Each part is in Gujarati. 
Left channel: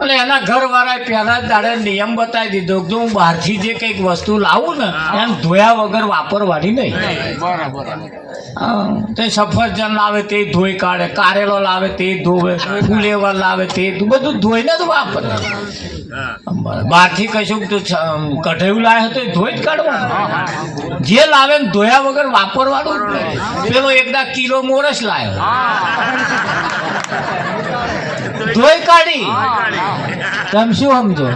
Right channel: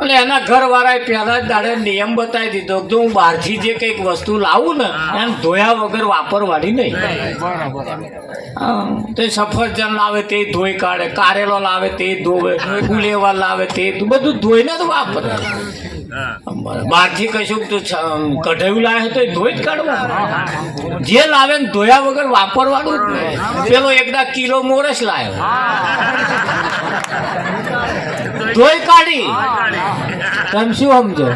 અને એના ઘરવાળાએ પહેલા જ દાડે નિયમ બતાવી દીધો જો હું બહારથી જે કંઈક વસ્તુ લાવું ને એમ ધોયા વગર વાપરવાની નહીં. તે સફરજન લાવે તે ધોઈ કાઢે, કારેલો લાવે તે ધોવે, ફુલેવા લાવે તે બધું ધોઈને જ વાપરે. બહારથી કશું કઢાયું લાવે તો ધોઈ જ કાઢવાનું. જે લાવે ને ધોયા વગર વાપરવાનું જ નહીં. પેલો એકદા કિલો મોરસ લાવ્યો, ધોઈ કાઢી. તમે શું સમજો?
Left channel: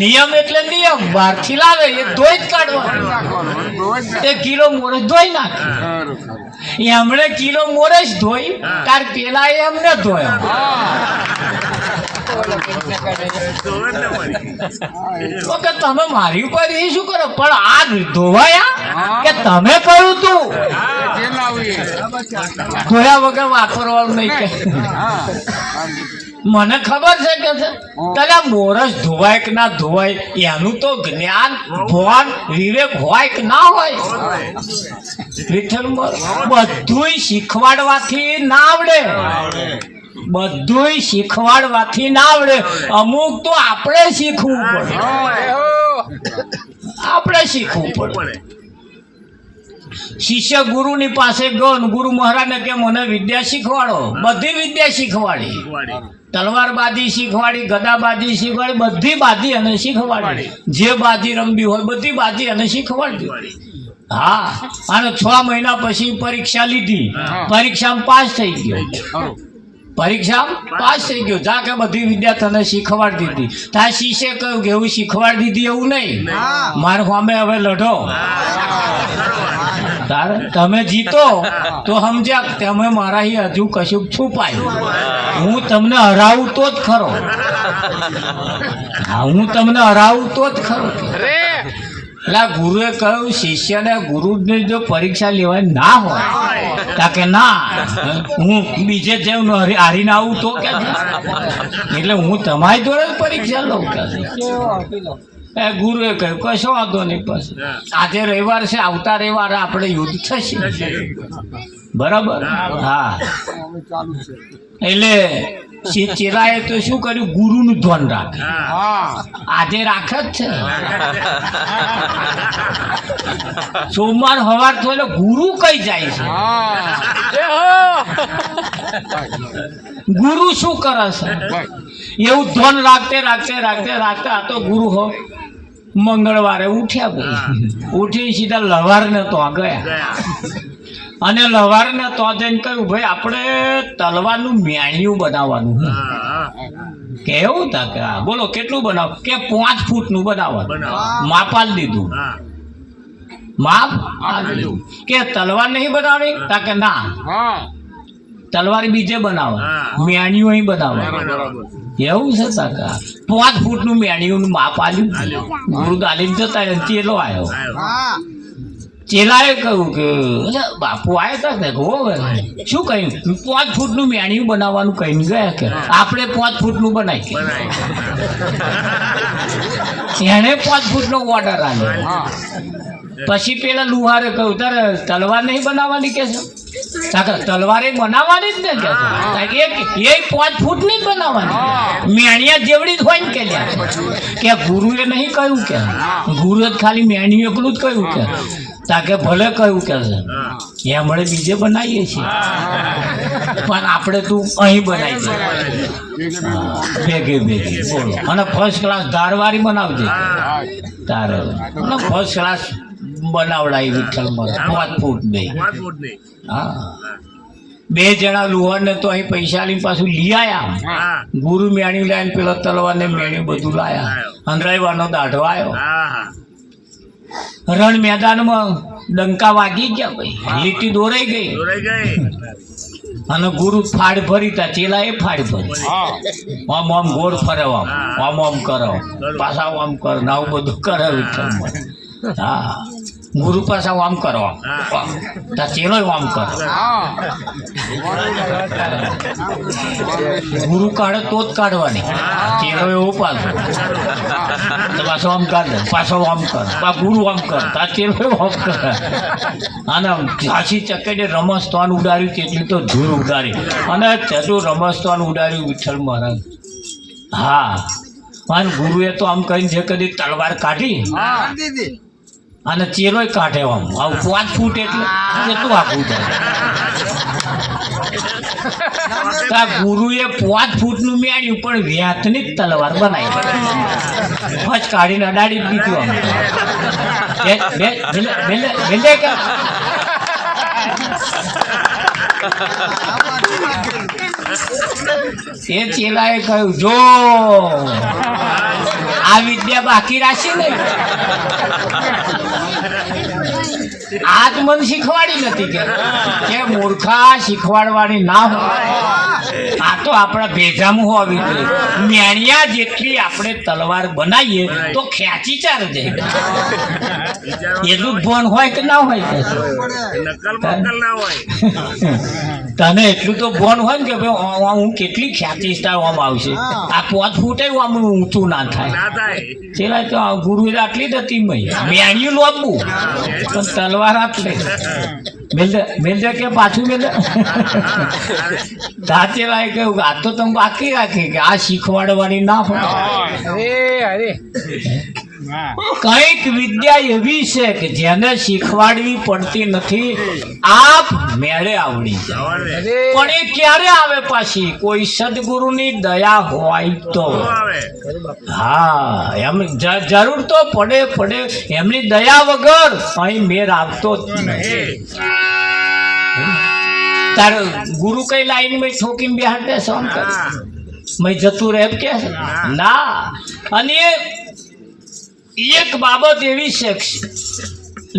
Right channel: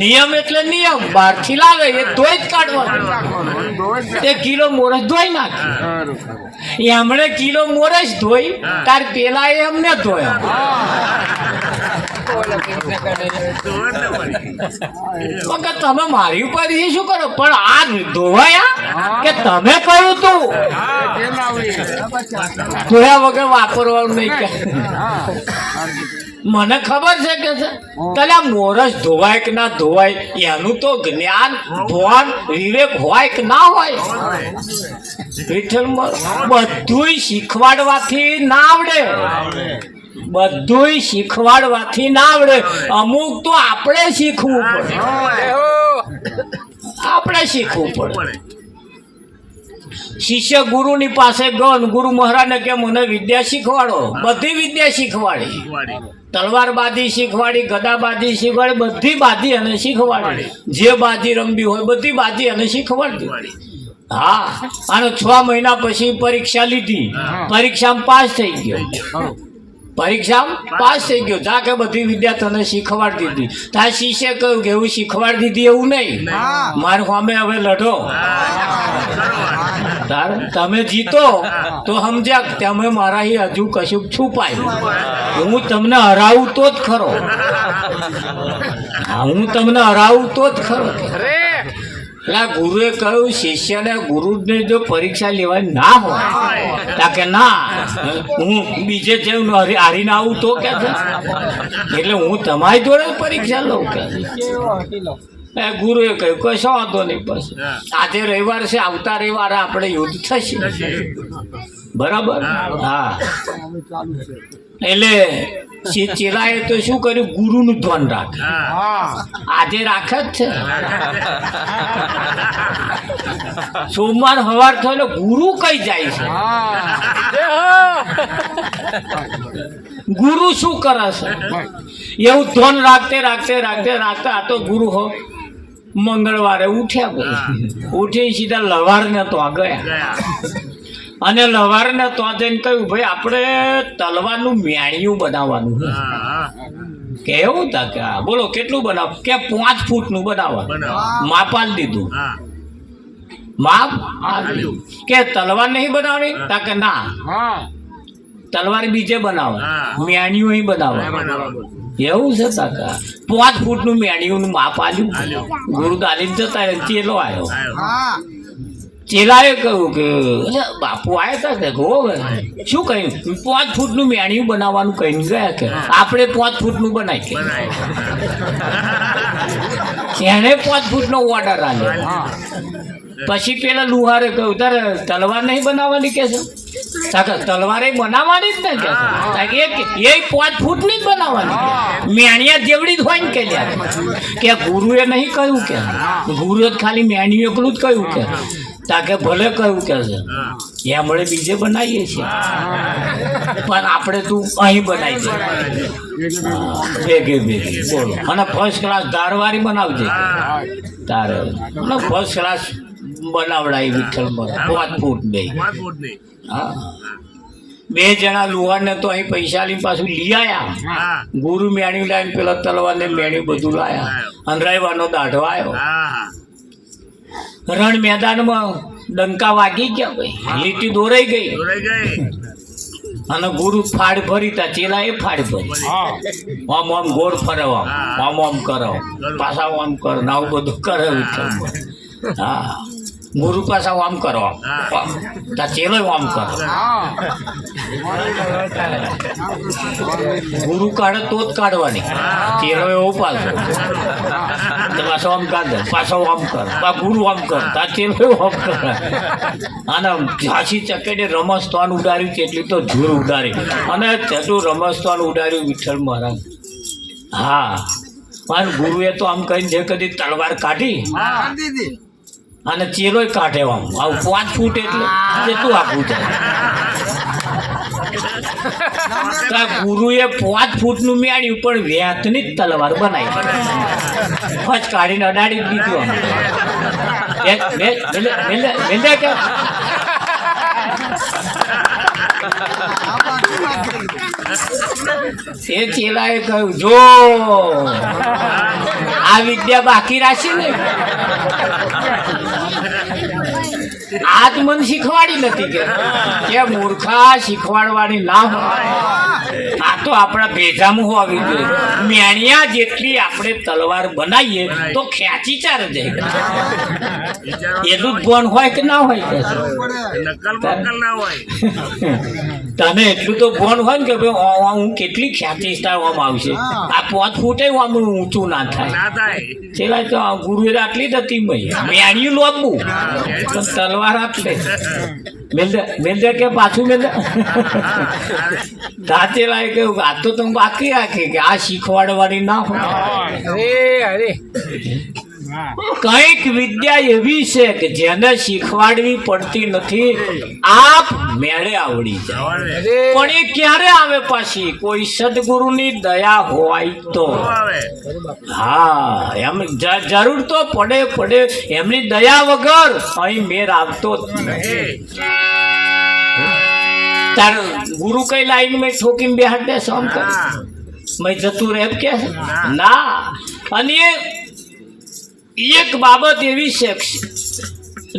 નિયમ એટલે નિયમ. બહારથી લાવે એ ધોઈ જ કાઢવાનું. તે કિલો મોરસ ધોઈ નાખી. એમણે કિલો મોરસ ધોઈ, તાર પેલા એમને ધોયા. તમે મારી ઉપર એ શું કરો? પણ આ ધોવાયા કે તમે કહ્યું તું ધોયા વગર વાપરવાનું નહીં કે મને ખબર છે કે છે તારે મોરસ ધોવાય કે ના ધોવાય એનું તો જ્ઞાન ભાન વિવેક હોય કે ના હોય? બધું શીખવાડવાથી ના આવડે. બધું શીખવાડવાથી ના આવડે. અમુક તો આપણે શીખવું પડે. આપણે શીખવું પડે. શિષ્ય ગુરુની પાસે ગયો, ગુરુ મહારાજને કે મને વિદ્યા શીખવાડો. બધી વિદ્યા શીખવાડી. તલવારબાજી શીખવાડી, ગદાબાજી શીખવાડી, બધી બાજી અને શીખવાડી. જે બાજી રમવી હોય બધી બાજી અને શીખવાડી. હા, અને 6 મહિના પછી પરીક્ષા લીધી. પરીક્ષામાં પાસ થઈ ગયો. જા કે બધી વિદ્યા તને શીખવાડી દીધી. તાર શિષ્ય કહ્યું કે એવું શીખવાડી દીધી એવું નહીં, મારા સામે હવે લડો. તમે જીતો તો સમજ્યા તમે મારા હજુ કશું છુપાયું. હું તમને હરાવું તો જ ખરો. હું તમને હરાવું તો જ ખરો. એટલે ગુરુએ કહ્યું શિષ્યને ગુરુને જો પરીક્ષા લેવાની ના હોય કે ના હું બીજે જેમ હારીને આવું તો કે એટલે હું તમારી જોડે પરીક્ષા લઉં કે ગુરુએ કહ્યું કશો વાંધો નહીં. બસ આજે રવિવાર છે, આવતા રવિવારે આપણે યુદ્ધ થશે. બરાબર? હા. એટલે ચેલાએ તો શું કર્યું? ગુરુનું ધ્યાન રાખે. આજે રાખે જ છે. સોમવાર સવાર થયો ગુરુ કઈ જાય છે? ગુરુ શું કરે છે? એવું ધ્યાન રાખતે રાખતે રાખતે રાખતે આ તો ગુરુ હો મંગળવારે ઉઠ્યા. ભાઈ ઉઠી સીધા લવારને તો ગયા. અને લવારને તો જઈને કહ્યું ભાઈ આપણે તલવારનું મેણિયું બનાવવાનું. કેવું તા કે બોલો કેટલું બનાવ? કે 5 ફૂટનું બનાવવાનું. માપ આપી દીધું. માપ કે તલવાર નહીં બનાવવાની? તા કે ના, તલવાર બીજે બનાવો, મેણિયું અહીં બનાવો. એવું છે કાકા? 5 ફૂટનું મેણિયું માપ આલ્યું. ગુરુ દાલીને જતા ચેલો આવ્યો. ચેલાએ કહ્યું કે બાપુ આવ્યા હતા કે શું કહ્યું? 5 ફૂટનું મેણિયું બનાવવાનું કહીને ગયા કે આપણે 5 ફૂટનું બનાવી કે એને 5 ફૂટનો ઓર્ડર આવ્યો. પછી પેલા લુહારે કહ્યું તારે તલવાર નહીં બનાવવાની કે છે? તલવારે બનાવવાની જ ને કે 5 ફૂટની જ બનાવવાની. મેણિયા જેવડી જ હોય ને કે ગુરુએ નહીં કહ્યું કે ગુરુએ ખાલી મેણિયું એકલું જ કહ્યું કે તાકે ભલે કહ્યું કે છે એમણે બીજે બનાવીએ છીએ પણ આપણે તું અહીં બનાવી દે ભેગે બોલો. અને ફર્સ્ટ ક્લાસ ધારવાળી બનાવજે તારે. ફર્સ્ટ ક્લાસ બનાવડાવી વિઠ્ઠલમાં 5 ફૂટ બે. હા, 2 જણા લુહારને તો અહીં પૈસાની પાછું લઈ આવ્યા. ગુરુ મેણ્યું લાવીને પેલા તલવારને મેણ્યું બધું લાયા. અંધરાઈવાનો દાઢો આવ્યો. રણ મેદાનમાં ડંકા વાગી ગયા ભાઈ, લીટી દોરાઈ ગઈ. અને ગુરુ ફાડ ફરી તા ચેલા એ ફાડ ફરી આમ આમ ગોળ ફરવા આમ આમ કરો પાછા આમ કરો આવું બધું કરે. હા, ગુરુ પાછા આમ કરો તા ચેલો આમ કરો ગુરુ કાઢે તો જ કાઢવાની ચેલો એવો પાછો પાછો આમ કાઢે પાછો આમ કરે તા ગુરુ આમ કરે તા ચેલો આમ કરે અને ઝાંસી ચકેડે રમસ્તવાન ઉડાડ્યું કેટલું તો જોર ઉડાડી અને ચટું રમસ્તવાન ઉડાડ્યું વિઠ્ઠલ મહારાજ હા પણ ગુરુએ તો આમ કહીને જે કદી તલવાર કાઢી અને ચેલોય કાઢે આમ 5 ફૂટ એટલે કેટલું આખું થાય ગુરુએ 5 ફૂટનું મેળ્યું પણ વ્યાતની જ તલવાર બનાવી ફચ કાઢીને અડાડી દીધું એ ચેલાએ કહ્યું જો આ વિદ્યા બાકી રાખી ને આજ મને શીખવાડી નથી કે મૂર્ખા શીખવાડવાની ના હોય આ તો આપણા ભેજામાં હોવી જોઈએ મેણિયા જેટલી આપણે તલવાર બનાવીએ તો ખેંચી ચાર જાય એટલું જ ભણ હોય કે ના હોય તને એટલું તો ભણ હોય ને કે ભાઈ હું કેટલી ખેંચીશ તાર આમ આવશે આ 5 ફૂટે આમ ઊંચું ના થાય પેલા તો ગુરુએ આટલી જ હતી મેણિયું લોબવું પણ તલવાર આટલે મેલ દે કે પાછું મેલ તાતે લાય કહ્યું આ તો તમે બાકી રાખી કે આ શીખવાડવાની ના હોય અરે કઈક વિદ્યા એવી છે કે જેને શીખવાડવી પડતી નથી આપ મેળે આવડી જાય પણ એ ક્યારે આવે પાછી કોઈ સદગુરુની દયા હોય તો હા એમ જરૂર તો પડે એમની દયા વગર અહીં મેર આવતો જ નહીં તાર ગુરુ કઈ લાઈન માં ઠોકીને બેહાડે સોમ કર મેં જતું રહે કે ના અને એક બાબત એવી છે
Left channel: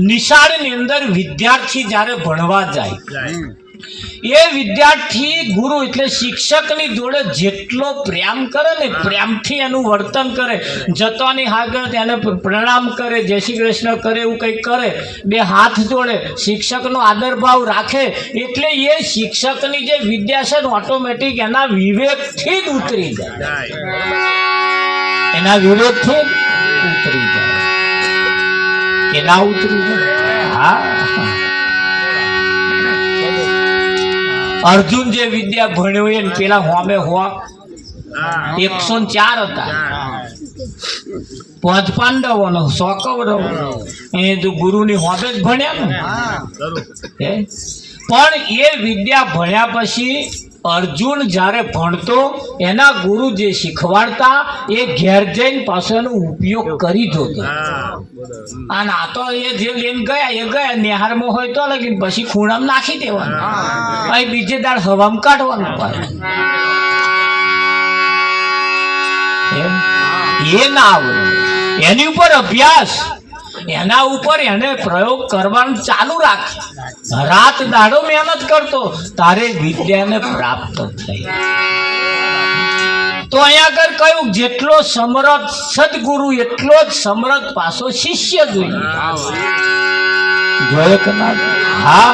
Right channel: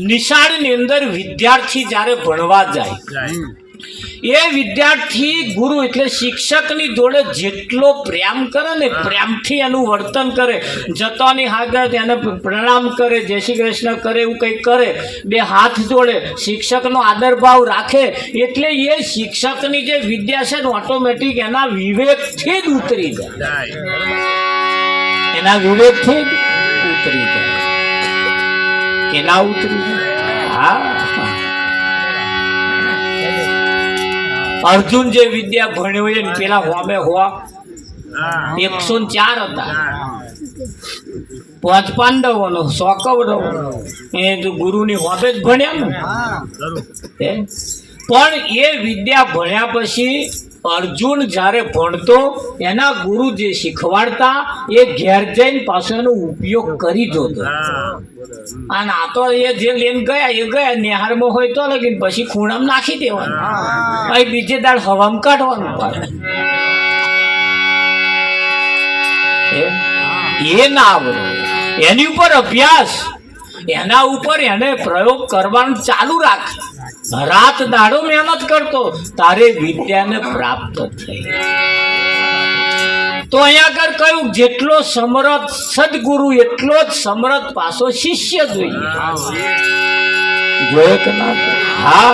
નિશાળની અંદર વિદ્યાર્થી જ્યારે ભણવા જાય એ વિદ્યાર્થી ગુરુ એટલે શિક્ષકની જોડે જેટલો પ્રેમ કરે ને પ્રેમથી એનું વર્તન કરે જતોની આગળ તેને પ્રણામ કરે જય શ્રી કૃષ્ણ કરે એવું કંઈક કરે બે હાથ જોડે શિક્ષકનો આદર ભાવ રાખે એટલે એ શિક્ષકની જે વિદ્યા છે ઓટોમેટિક એના વિવેકથી જ ઉતરી જાય એના વિવેકથી જ ઉતરી જાય કે ના ઉતરી જાય હા અર્જુન જે વિદ્યા ભણ્યો એને પેલા હોમે હોવા 104 હતા 5 પાંડવોનો 100 કૌરવો એ તો ગુરુની હોમે જ ભણ્યા ને પણ એ વિદ્યા ભણ્યા પછી અર્જુન જ્યારે ભણતો એના ગુરુ જે શીખવાડતા એ ઘેર જઈને પાછળનો ઉપયોગ કરી જોતો અને આ તો એ જે લઈને ગયા નિહારમાં હોય તો લગીને પછી ખૂણામાં નાખી દેવાનું અહીં બીજે દાડ હવામાં કાઢવાનું એ ના આવડે એની ઉપર અભ્યાસ એના ઉપર એને પ્રયોગ કરવાનું ચાલુ રાખ રાત દાડો મહેનત કરતો તારે વિદ્યાને પ્રાપ્ત થઈ તો અહીંયા આગળ કહ્યું જેટલો સમર્થ સદગુરુ એટલો જ સમર્થ પાછો શિષ્ય જોઈએ કે ના હા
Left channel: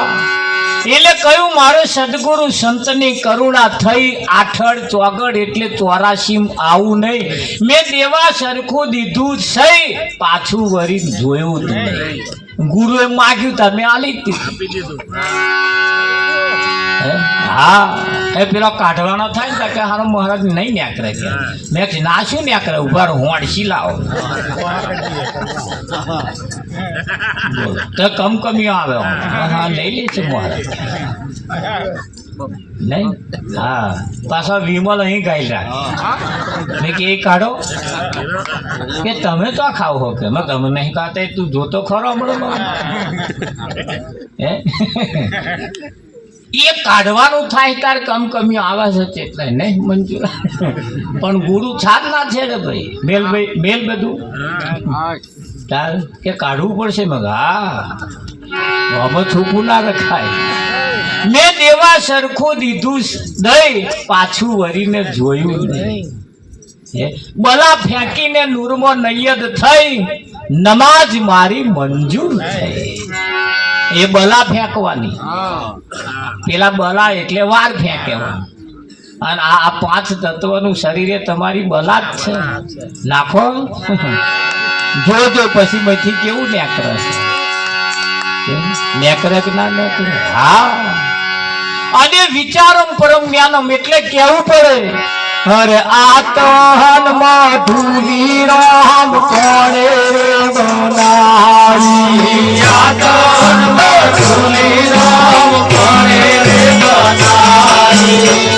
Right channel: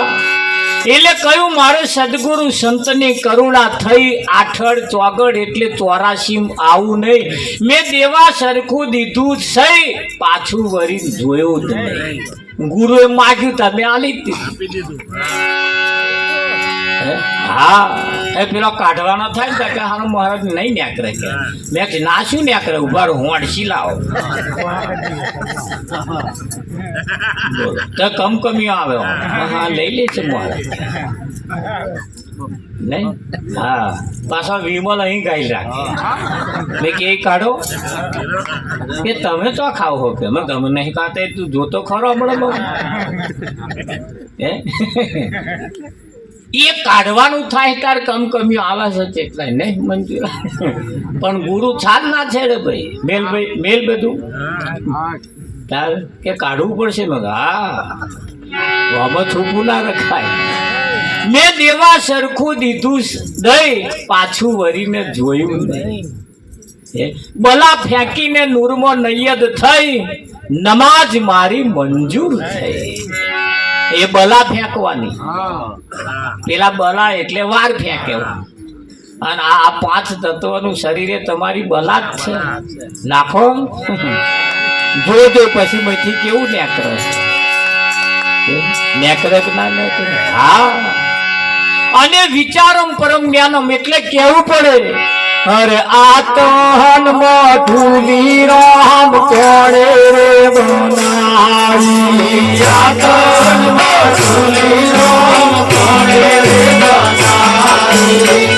એટલે કહ્યું મારો સદગુરુ સંતની કરુણા થઈ આઠડ ચોગડ એટલે 84 આવું નહીં મેં દેવા સરખું દીધું સહી પાછું વરી જોયું જ નહીં ગુરુએ માગ્યું તમે આલી દીધું હા એ પેલો કાઢવાનો થાય ને કે હારો મહારાજ નહીં ન્યાકરે કે મેં ના શું ન્યાકરે ઉભા હોંડસી લાવો તો કમકમીઓ આવે હા લઈ લે છે મહારાજ નહીં હા પાછો વિમલ અહીં ગાઈ રાખે મેં કે એ કાઢો કે તમે તો ખાવ હો કે મેં તમે નહીં ખાતા તું જોતો ખરો હમણાં એ કાઢવાનું થાય તાર કમકમીઓ આવે છે એટલે નહીં મંજૂર પણ ગુરુ છાદ ના છે રે ભાઈ મેલ બધું તાર કે કાઢવું પડશે મગ હા આમાં છૂપું ના રખાય મેં દેવા સરખું દીધું દઈ પાછું વરીને જોયું નહીં બલા ફેંકીને નૂરમાં નૈયદ થઈ નમાજ મારી મંજૂર થઈ. એ બલા ફેંકવાની, પેલા બલા એટલે વાર ફેંકેવા, અને આ 5 તત્વનું શરીરે તમારી બલા જ છે. નાખો જોજો પછી માંથી કેવું નેકરે નેકરે કે ના નેકરે. હા, અને વિચારમ પરમ જ્ઞાનમ એટલે કેવું પડે. અરે આતન મધુલી રામ પડે રે બનાવી, આતન મધુલી રામ પડે રે બનાવી.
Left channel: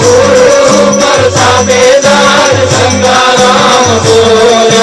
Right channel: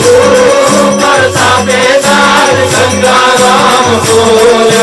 गुरु प्रसादे दास गंगाराम बोला।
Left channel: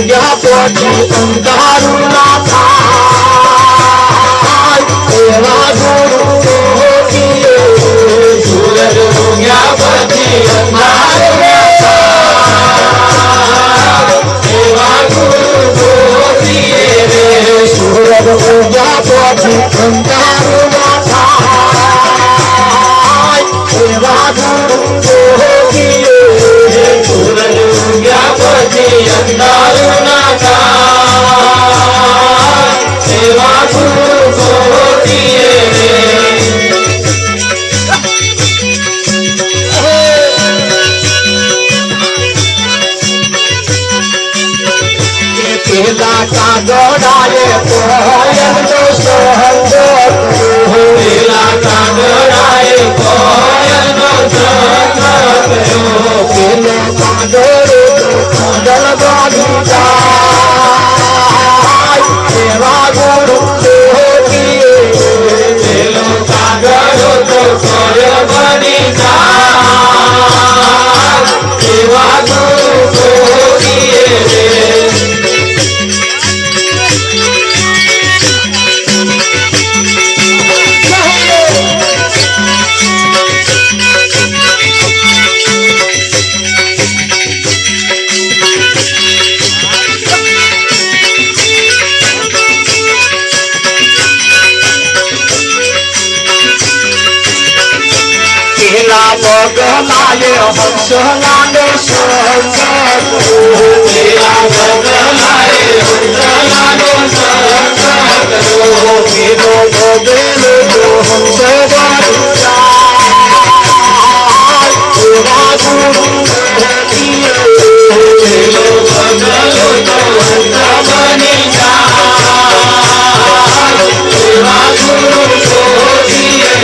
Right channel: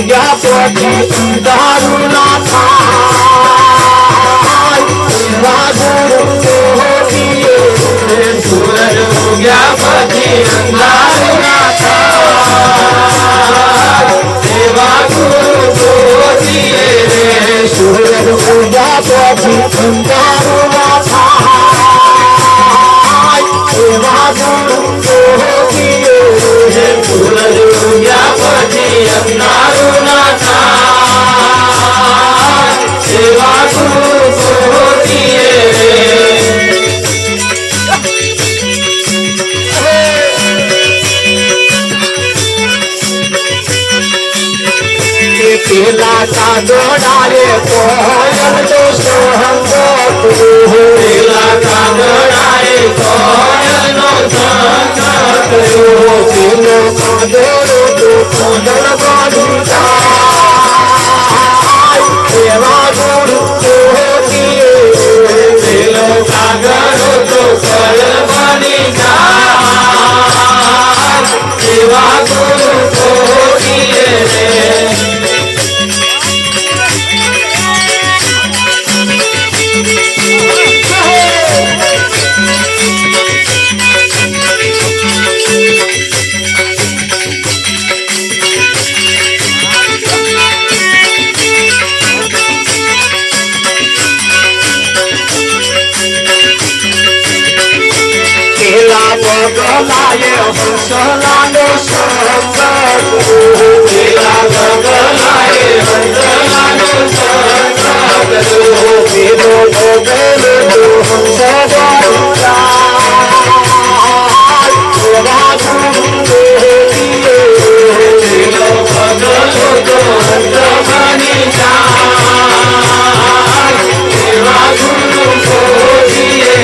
ઉગ્યા પછી અંધારું ના થાય એવા ગુરુ ગોતીએ સૂરજ ઉગ્યા પછી અંધારું ના થાય એવા ગુરુ ગોતીએ સૂરજ ઉગ્યા પછી અંધારું ના થાય એવા ગુરુ ગોતીએ સૂરજ ઉગ્યા પછી અંધારું ના થાય એવા ગુરુ ગોતીએ પેલા કાગડાએ કોયલનો સોહંગ કર્યો પેલા કાગડાએ કોયલનો સંગ કર્યો પેલો કાગડો કોયલ બાંધી જાય એવા ગુરુ ગોતીએ પેલો કાગડો તો કોયલ બાંધી જાય એવા ગુરુ ગોતીએ પેલા બગલાએ હંસલાનો સંગ કર્યો પેલા બગલાએ હંસલાનો સંગ કર્યો પેલો બગલો હંસ એવા ગુરુ ગોતીએ પેલો બગલો તો હંસ બની જાય એવા ગુરુ ગોતીએ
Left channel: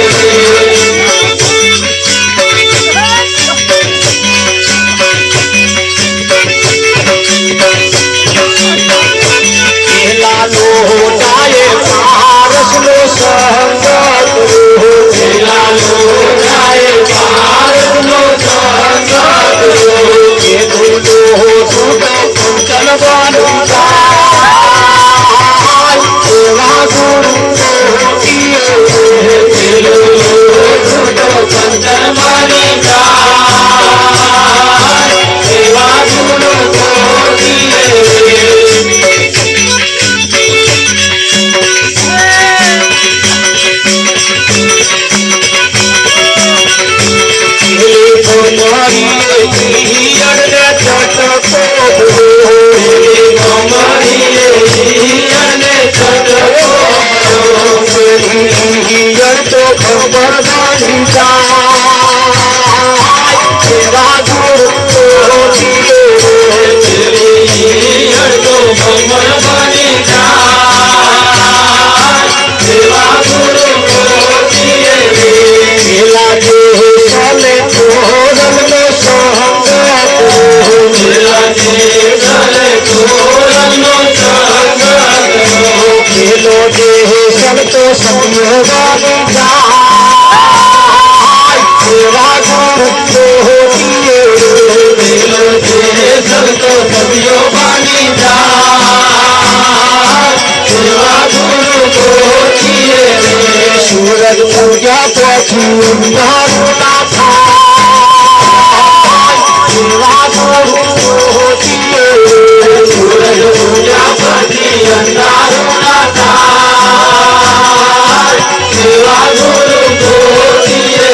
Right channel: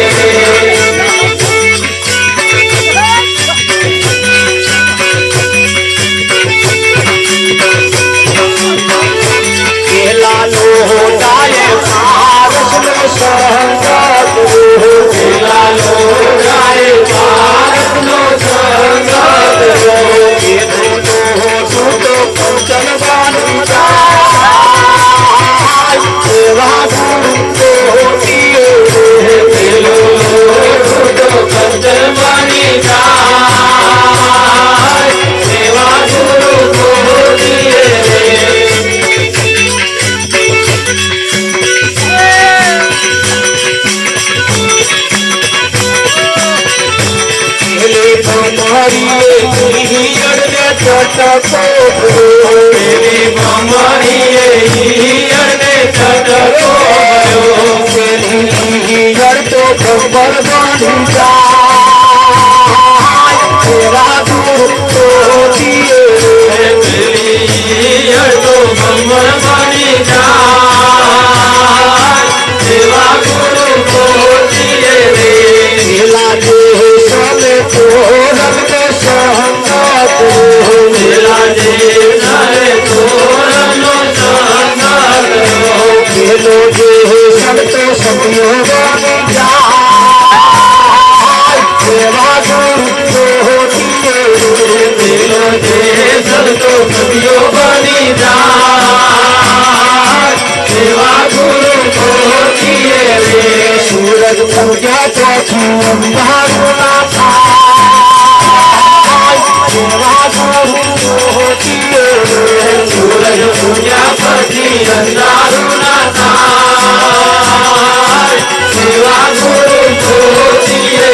ખબર બાંધી જાય એવા ગુરુ ગોતીએ ખબર બાંધી જાય એવા ગુરુ ગોતીએ પેલા જે છને ચોરનો સંગ કર્યો પેલા જે છને ચોરનો સંગ કર્યો પેલો જે સંત સંગ એવા ગુરુ ગોતીએ પેલો જે સંત સભ્યો બની જાય એવા ગુરુ ગોતીએ સૂરજ ઉગ્યા પછી અંધારું ના થાય એવા ગુરુ ગોતીએ સૂરજ ઉગ્યા પછી અંધારું ના થાય એવા ગુરુ ગોતીએ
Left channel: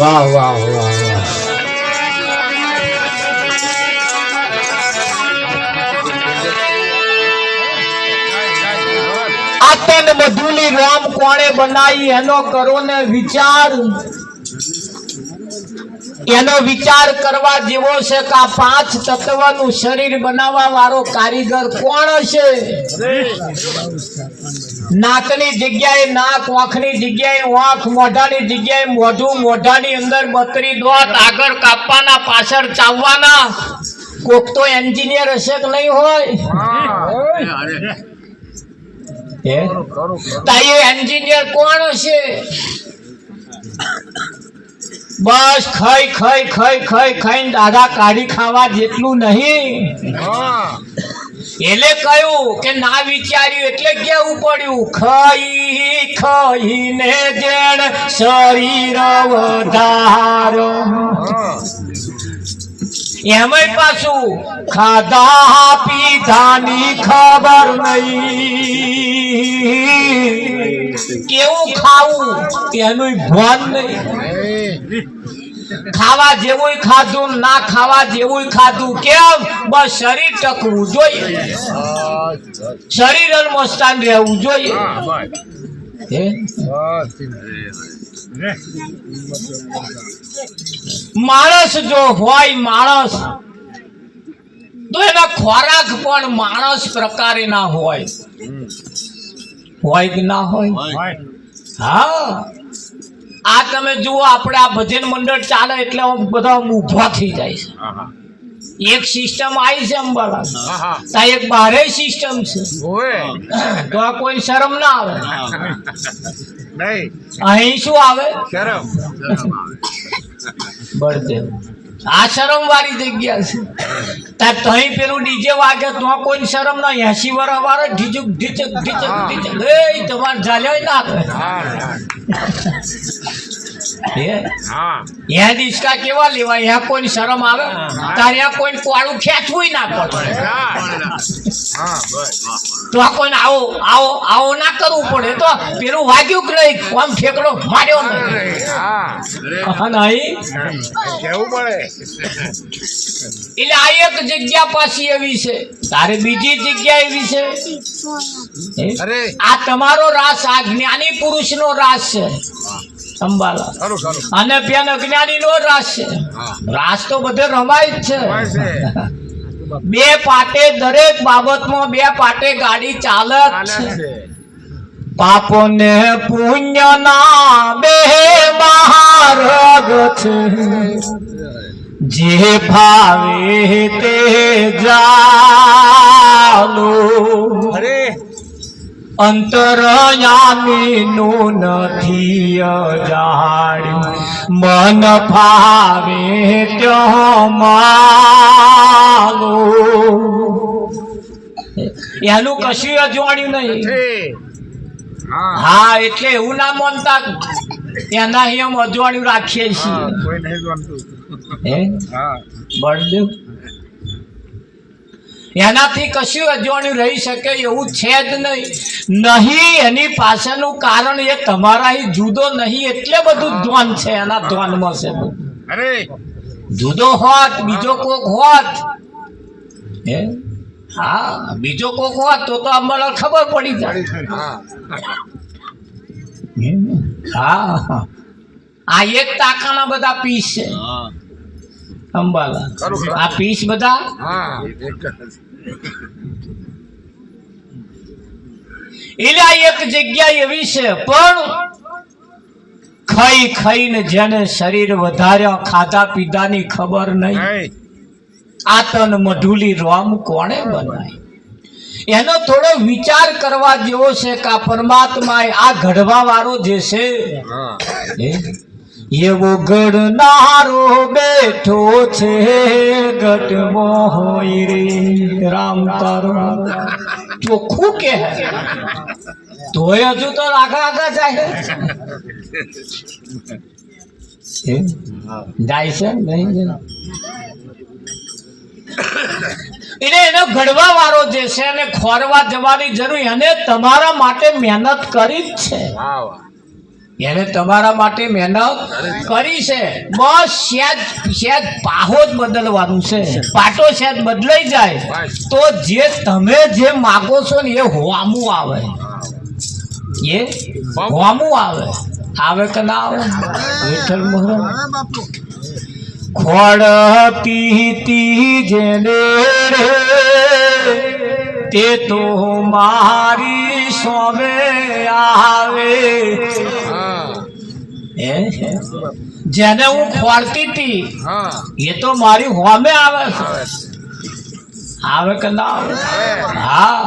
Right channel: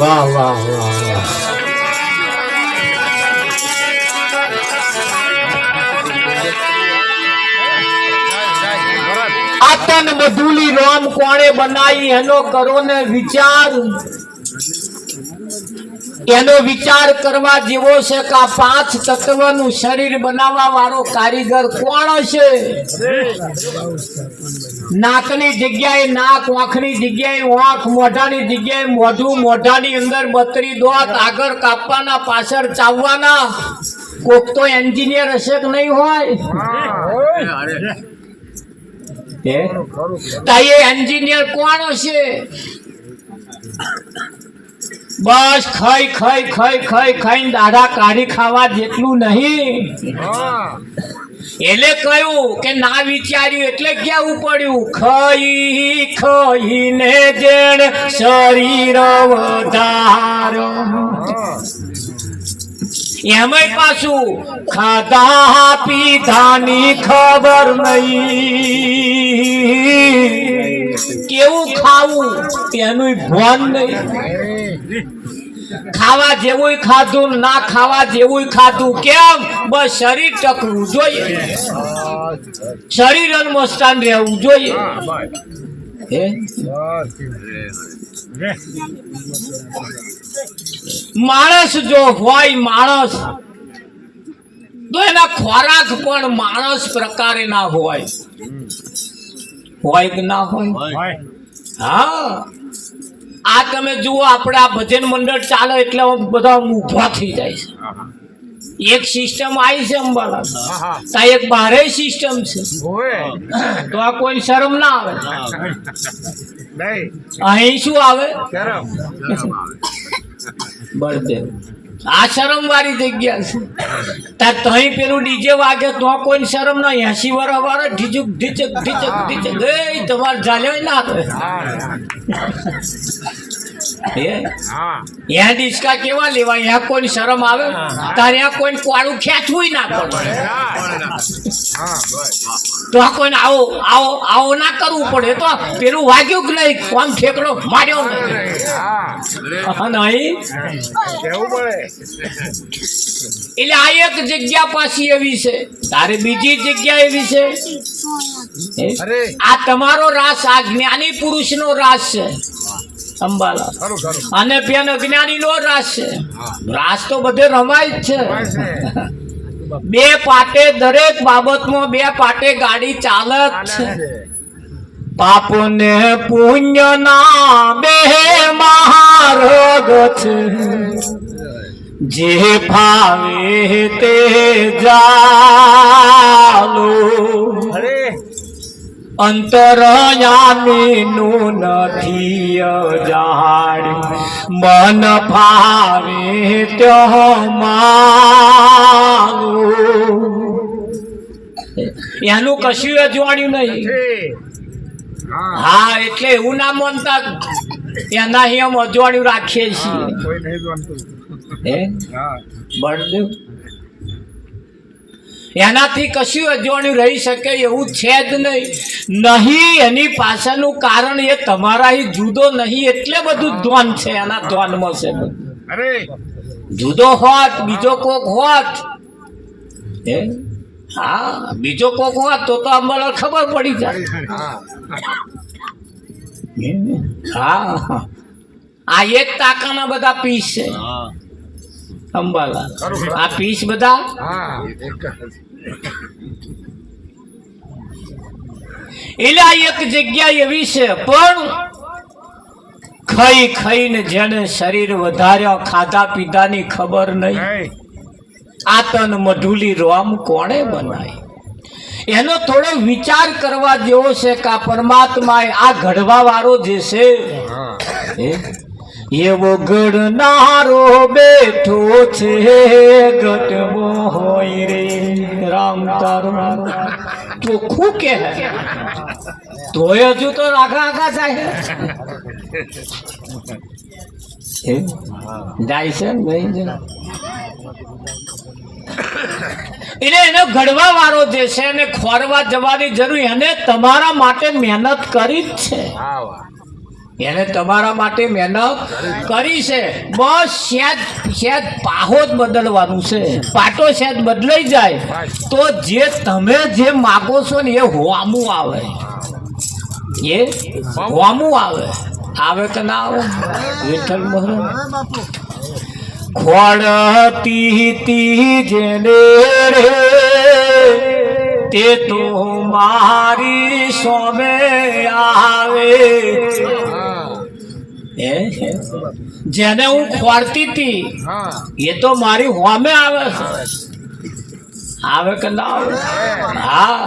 વાહ વાહ વાહ વાહ. આતન મધુલી રામ કોણે બનાવી એનો કરો ને વિચાર. એનો વિચાર કરવા જેવો છે કે આ 5 તત્વનું શરીર બનાવવા વાળો કારીગર કોણ હશે? નાકની જગ્યાએ નાક, આંખની જગ્યાએ આંખ, મોઢાની જગ્યાએ મોઢું, મોઢાની અંદર 32 દોત, આગળ કાપવાના, પાછળ ચાવવાના. કોક તો એન્જિનિયર હશે કે નહીં હોય? તાઈએ એન્જિનિયર કોણ હશે? બસ ખાઈ ખાઈ ખાઈ ખાઈ ખાઈને દાઢા કાઢી ખાવા જેટલું નહીં. એટલે કહ્યું કે ના વિચાર્યું એટલે કેવું પડ્યું, ખાઈ ખાઈને જેણ શરીર વધારો. એમાંય પાછું ખાધા પીધાની ખબર નહીં, કેવું ખાવું તેનું ભાન નહીં. ખાવા જેવું ખાધું, ના ખાવા જેવું ખાધું. કેમ? બસ શરીર ટકવું જોઈએ, શરીર અનમસ્તાન રહેવું જોઈએ. માણસ જો હોય માણસ તો એના ખોરાક પણ માણસ પ્રકારે ના હોય. હોય કે ના હોય? હા, આ તમે જુઓ, આપણે આ ભજન મંડળ ચાલે એટલે બધા ઊભા થઈ જાય છે. એક સિસ્ટમ આવી છે અંબાલા, ત્યાં એક બારે સિસ્ટમ છે. તો આ કોઈ શરમ ના આવે. અહીં શું આવે? બળદેવ. આ શરમ વાળી જગ્યા છે. ત્યાં તહીં પેલું ડીજે વાગે તો કોઈ શરમ ના. 80 વર્ષ વાળા ઢીચક ઢીચક ઢીચક ઢીચક, એ તમારે ચાલ્યો ના થાય. ડિસ્કા કેવા લેવા? અહીંયા કોઈ શરમ આવે? તારે કોઈ કોળું ખેંચવું ના પડે. તો આ કોઈને આવો આવો આવો ના કરવું પડે. તો પેલું વાગ્યું કે નહીં, આમ ઠેકડો માર્યો નહીં. એટલે આ એક જગ્યા પાછી એવી છે, તારે બીજી જગ્યા એવી છે. આ તમારો રાસ, આ જ્ઞાની પુરુષ નો રાસ છે અંબાલા, અને પેન અજ્ઞાની નો રાસ છે. રાસ તો બધે રમાય જ છે. બે પાટે દરેક બાબતમાં બે પાટે ગાડી ચાલે જ છે. પાપ ને પુણ્ય ના બે માર્ગ છે, જે ભાવે તે ચાલો. અંતરયામી નું નથી અજાણ્યું, મન ભાવે ત્યો માનો. એનું કશું અજવાણ્યું નહીં. હા, એટલે એવું ના માનતા એના અહીં અજવાણ્યું રાખીએ છીએ. બળદેવ, એનાથી કશું અજવાણ્યું રહી શકે એવું છે જ નહીં. એની પાછળનું કારણ એ તમારા જુદો નહીં, એટલે બધું ધ્યાન છે એના ધ્યાનમાં છે. જુદો હોત, બીજો કોક હોત, હા, બીજો કોક હોત તો અમને ખબર પડી જાય. હા, આ એક ટાંકાના બધા પીસ છે અંબાલા. આ પીસ બધા એટલે આ એક જગ્યા એવી છે. પણ ખાઈ ખાઈને જેને શરીર વધાર્યો, ખાધા પીધાની ખબર નહીં. આ તન મધુલી રોમ કોણે બનાવી? એનો થોડો વિચાર કરવા જેવો છે કે આ પરમાત્મા આ ઘડવા વાળો જે છે એવો ઘડનારો બેઠો છે ગટવો હોય રે. રામ તારું ચોખ્ખું કે તોય હજુ તો આગા આગા જાય જાય છે નહીં. એટલે એનો ઘડવા વાળો જે છે એને ખોરવા જવાની જરૂર, એને તમારા માટે મહેનત કરી જ છે, એને તમારા માટે મહેનત કરી છે. બસ શેદ પાહો જ બદલવાનું છે. પાટો શેદ બદલાઈ જાય તો જે તમે જે માગો છો ને એ હોમું આવે, એ હોમું આવે કે ના આવે? વિઠ્ઠલ બોલો. ખોડતી તી જેને રે તે તો મારી સામે આવે. જેને હું ખોડતી હતી એ તો મારી હોમે આવે કે ના આવે? હા,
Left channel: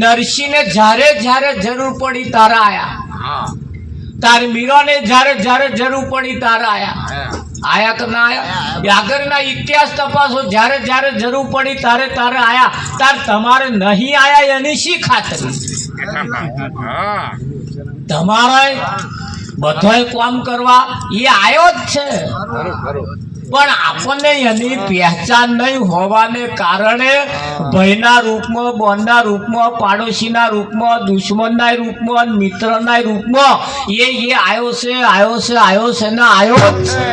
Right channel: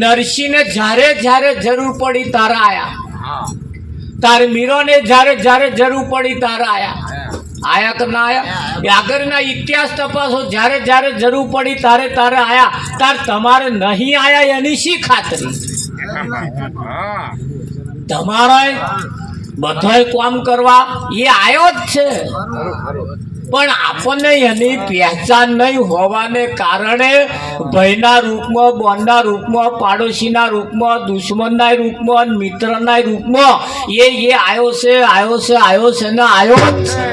નરસિંહને જ્યારે જ્યારે જરૂર પડી તારા આયા, તારી મીરાને જ્યારે જરૂર પડી તારા આયા કે ના આયા? આગળના ઇતિહાસ તપાસો, જ્યારે જરૂર પડી તારે આયા, તાર તમારે નહીં આયા એની શી ખાતરી? તમારા બધાય કામ કરવા એ આવ્યો જ છે, પણ આપણને એની પહેચાન નહીં હોવાને કારણે ભયના રૂપમાં, બોનના રૂપમાં, પાડોશીના રૂપમાં, દુશ્મનના રૂપમાં, મિત્રના રૂપમાં એ આવ્યો છે ને આવ્યો જ છે.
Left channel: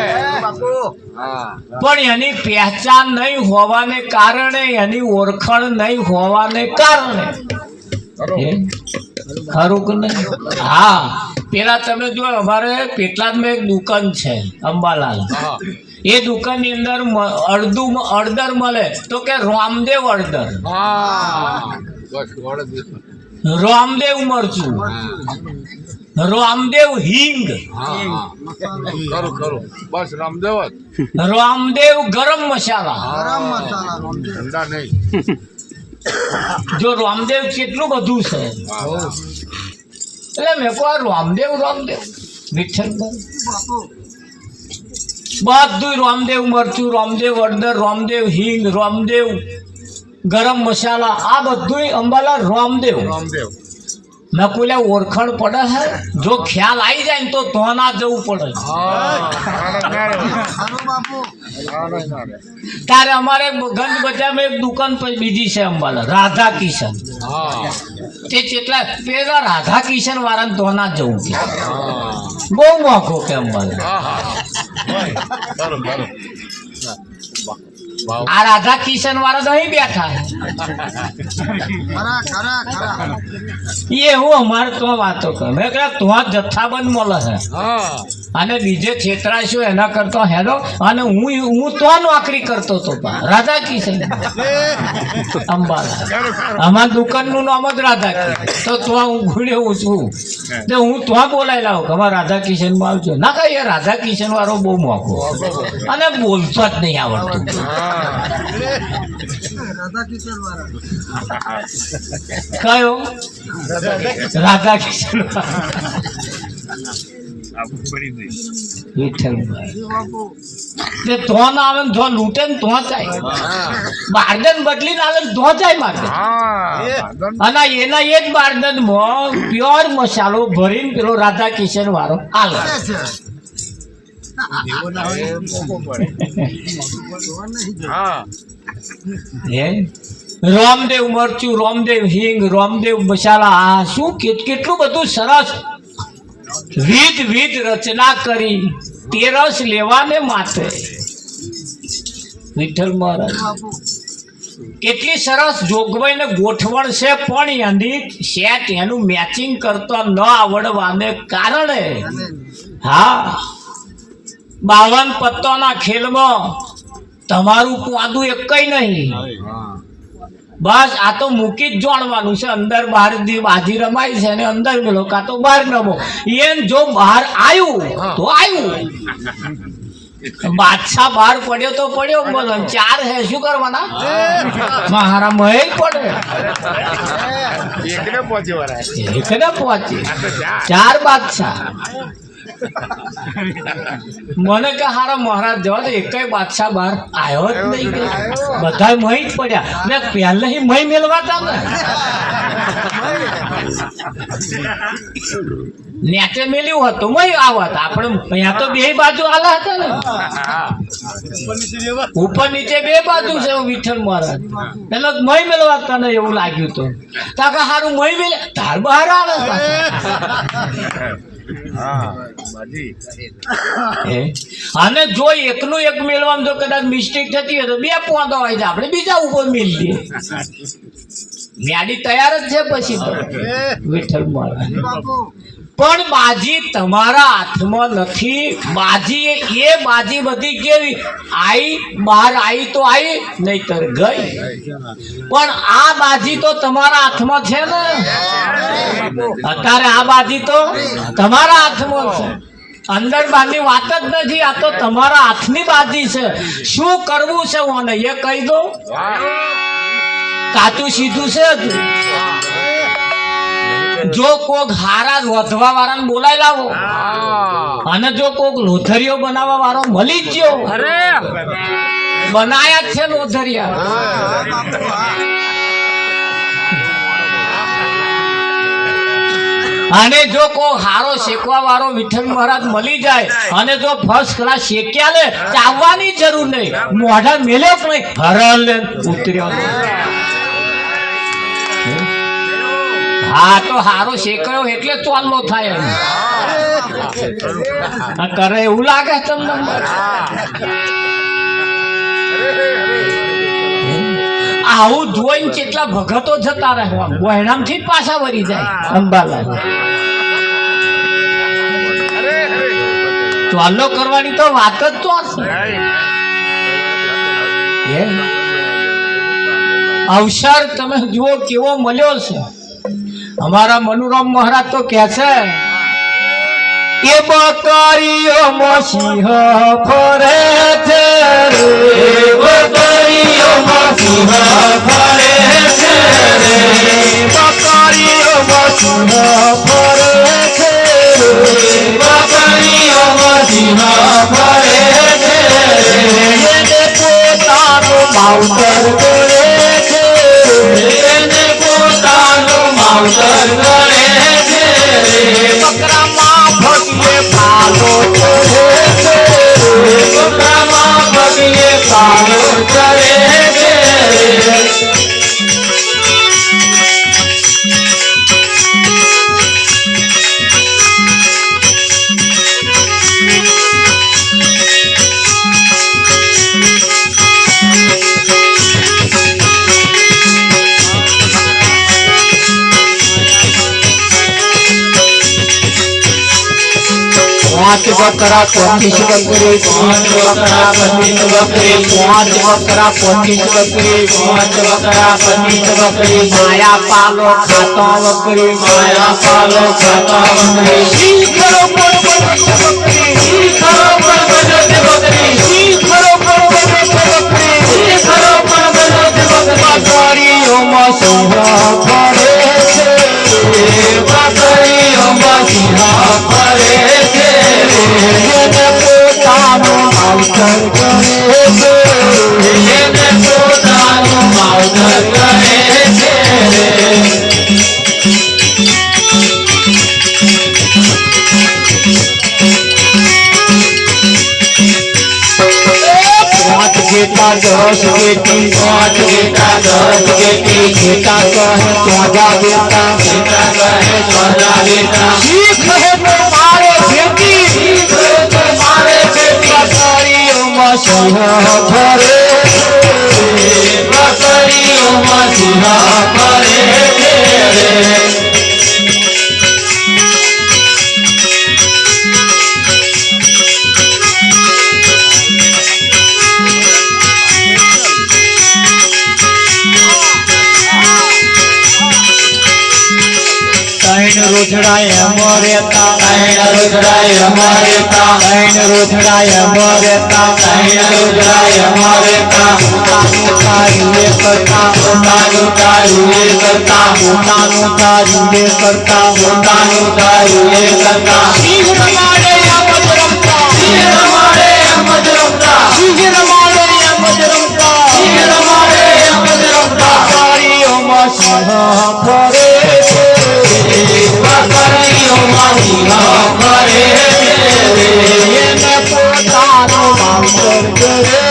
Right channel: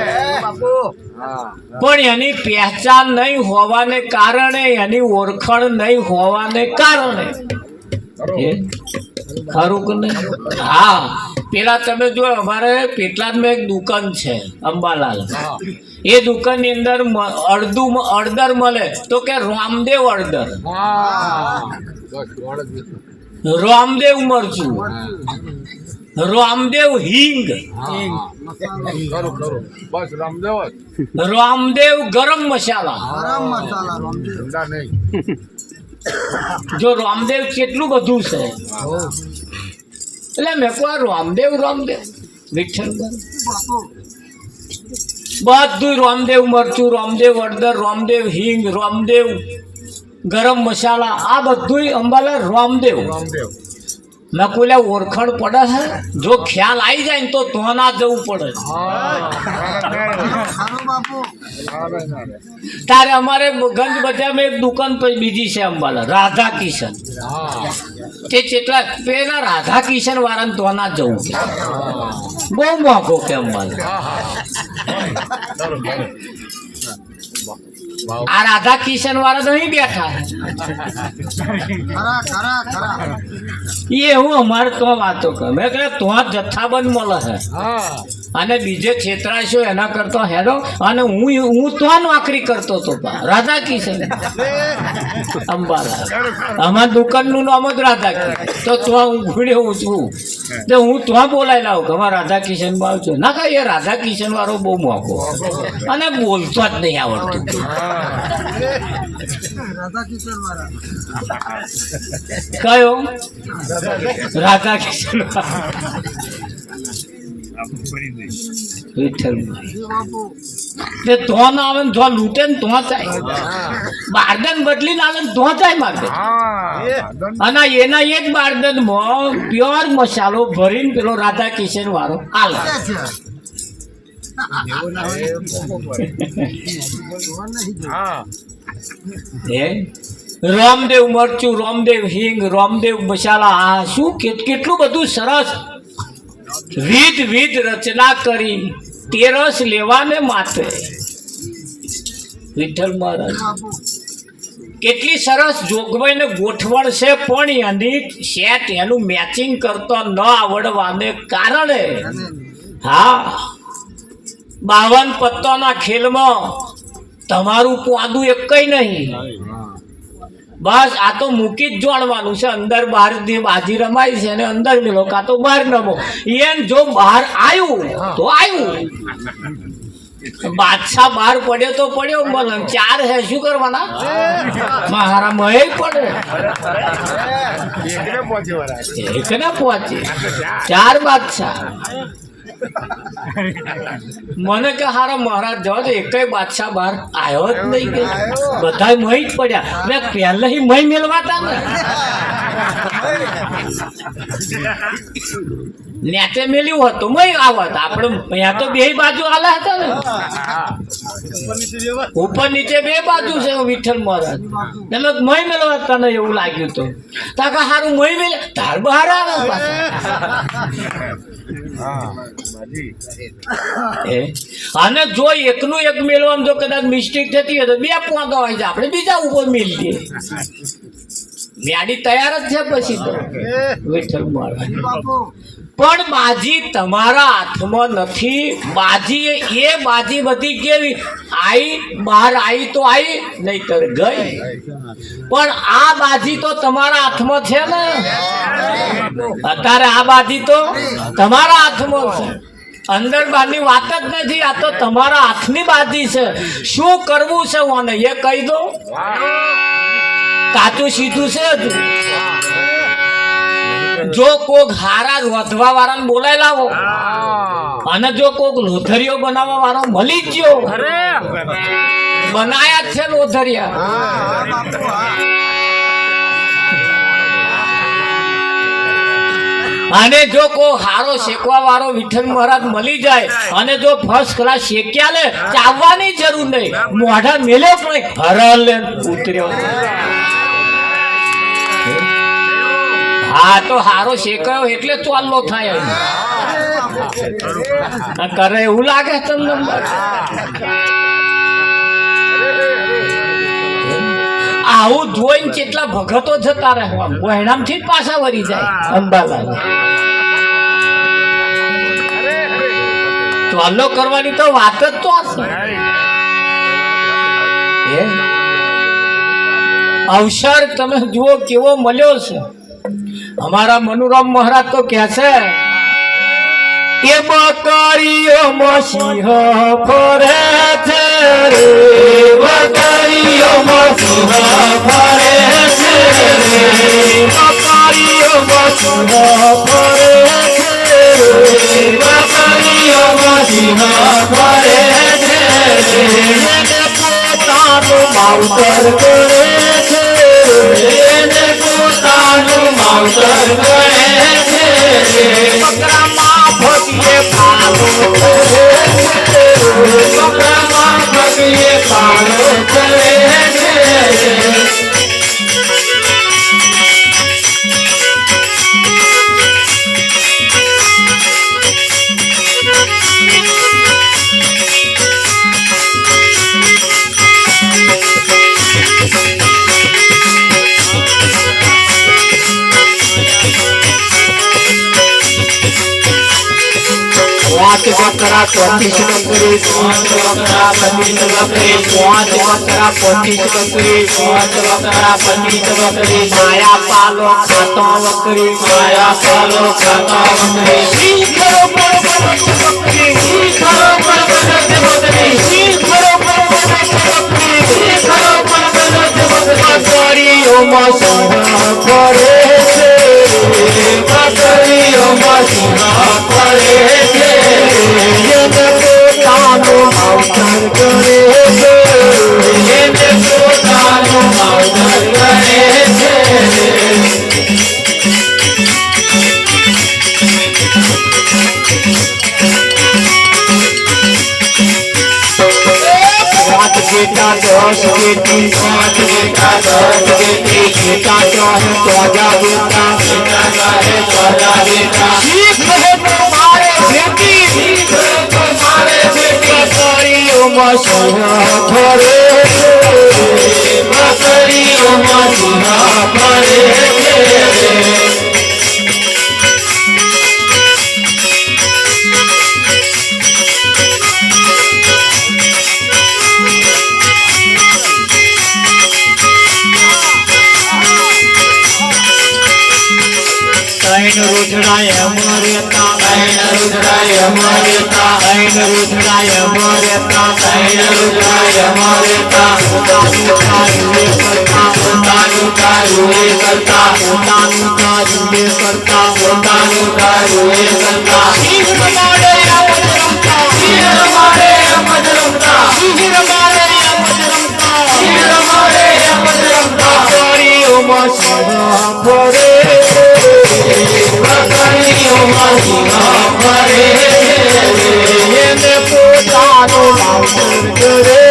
પણ એની પહેચાન નહીં હોવાને કારણે, એની ઓળખાણ નહીં હોવાને કારણે, ખરું કે નહીં? હા, પેલા તમે જો અમારે પેટલાદમાં એક દુકાન છે અંબાલાલ, એ દુકાનની અંદર અડદર મળે તો કે રામદેવ અડદર, રામદેવ મરચું, રામદેવ હિંગ, રામદેવ ગરમ મસાલા. જો રામદેવ કેટલું બધું છે. એટલે મેં કહું રામદેવ વિઠ્ઠલ બધું રામદેવ મરચું, રામદેવ અડદર, રામદેવ હિંગ, રામદેવ ગરમ મસાલા, આ બધું અંબાલા રામદેવ. મેં કોઈ ઓળખાણ પડે છે? જો ખ્યાલ આવી જાય ને તો ના જવું પડે. તારે અમારે ગંજ બજારમાં એક દુકાન બીજી છે અંબાલા, રાધા કિશન. તે કેટલા પેલા રાધા કિશન વાળાને તો ના જવું કે બહુ મોંઘો કે અંબાલા. આ રાધા કિશન વાળા નહીં બેઠા એ હું અમારે તો વાતો કરું. મેં કહ્યું તો જથ્થાબંધ મળે છે અને બીજે છેતરાશો એના કરતા હેરો. અને હું તો નોકરી કરતો હતો રાધા કિશન અંબાલા. અમારા દુકાનનું નામ જ રાધા કિશન. તો હું ઘૂડ્યો છું તો હું તો બોલાવી લાવું કે અમારા રાધા કિશનમાં આવજો. ના કહે એ રાધા કિશન વાળો બહુ મોંઘો અને બોલતો જ નહીં આવડતું. કયો રાધા કિશન? વિઠ્ઠલભાઈ તો આવે ને લૂંટે ને તો થાય, બારદન બદલીને આવે ને તો થાય મારે. અને એના એ જ બારદનમાં પ્યોર મસાલો ભરીને પેલો રાધા કિશન વાળો આવે. રામદેવ મરચું, રામદેવ હિંગ, રામદેવ મસાલા, આ શું કેટલું બધું સરસ વિધ રચના કરી તે રસ લેવાને માટે. વિઠ્ઠલ મહારાજ કેટલી સરસ જોગવાઈ ને ગોઠવણ છે, પણ એની સેટ એનું મેચિંગ કરતા ન આવડવાને કારણે હા 52 પત્તાના ખેલમાં તમારું પાદું એકય નહીં. બસ આ તો મૂકી જ જોડવાનું છે. અંદર બહાર બાજી રમાય છે અને અંદર મેલો કાં તો બહાર રમો. એમ જો બહાર આવ્યું તો આવ્યું. બાદશાહ બહાર પડ્યો તો પડ્યો, મને 4 હે શું કરવાના? મારા મહે પડે એકને પહોંચે 4 બાદશાહ. મને કે હારા મહારાજ જવા તો એકય બાદશાહ બહાર આવ્યો જ નહીં કે બધા મહી જ પડ્યા. મેં પહેલે મહી મેળવાતા ને નેચે મેલ્યું હતું મય આવત આપણે અહીંયા તો બે બાજુ આલા હતા ને ઉપર નીચે બે બાજુ છે વિઠ્ઠલ મહારાજ તમે મય મેળવા તને એવું લાગ્યું તો કાકા સારું મય મેલે તાર બહાર આવે અને જો એકનું એક મેળવામાં જો કદાચ મિસ્ટેક થતી હોય તો બે પોંદો હોય છે આપણે બીજા ઉપર મેલી દઈએ ગાડી તૈયાર જ છે પછી તો વિઠ્ઠલ મહારાજ પણ બાજી તમારા હાથમાં નથી બાજી એ બાજી બધી કેવી આઈ બહાર આવી તો આવી નહીતર ગઈ પણ આ બાજી તો તમારા હાથમાં છે ને અત્યારે આ બાજી તો તમારા હાથમાં છે અંદર બારની વાત જ નથી આ તો તમારા હાથની બાજી છે શું કરવું છે મને એ કહી દો કાચું સીધું છે જો કોક હારા વધવા વાળા બોલાય લાવો અને જો કોક લોથરીઓ બનાવવા વાળો મળી જ ગયો બનાયા જ છે લોથરિયા અને જો કોઈ હારો શેકવા વાળો વિઠ્ઠલ મહારાજ મળી જાય અને જો ફર્સ્ટ ક્લાસ શેક્યા ને ચાવવાની જરૂર નહીં મોઢા મેલ્યો પણ હરલ ઉતર્યો હા તો હારો શેકાયો એટલે ચાલો થાય કરે એવું લાગે તમને આવું જોઈને કેટલા ભગતો જતા રહેવા વહેણામ થી પાછા વળી જાય અંબાલાલ ચાલો કરવાની તો વાત જ તો હશે અવસર તમે જુઓ કેવો મળ્યો છે हमारा मनुराम महाराज तो कैसे ये बकरियों मसीह फरे थे रे बकरियों मसीह फरे थे रे बकरियों मसीह फरे थे रे बकरियों मसीह फरे थे रे ये पोतानो माउतर करे थे रे पोतानो माउतर करे थे रे बकरा भगिए पालो करे थे बकरा भगिए पालो करे थे बकरा 25 बकरी 5 बकरा 25 बकरी 5 बकरा 25 बकरी 5 बकरा 25 बकरी माया पालो खाता बकरी माया पालो खाता बकरी शीखरो पर बकरी शीखरो पर बकरी शीखरो पर बकरी शीखरो पर बकरी ओमा सोहा करे छे बकरी ओमा सिंहा करे छे ये पोतानो माउतर करे छे ये पोतानो माउतर करे छे रात गेटा 10 गेटी 5 गेटा 10 गेटी गेटा कहे त्वजा गेटा गेटा कहे त्वजा गेटा ठीक है तुम्हारे बेटी ठीक है तुम्हारे बेटी बकरियों मसीहा फरे बकरियों मसीहा फरे रुद्राय मरेता रुद्राय मरेता रुद्राय मरेता रुद्राय मरेता उतानु तारुए करता उतानु तारुए करता उतानु तारुए करता उतानु तारुए करता शीघ्र मारे अमजरमता शीघ्र मारे अमजरमता शीघ्र मारे अमजरमता शीघ्र मारे अमजरमता बकरियों मसीहा फरे એને પોતાનું માવતર કરે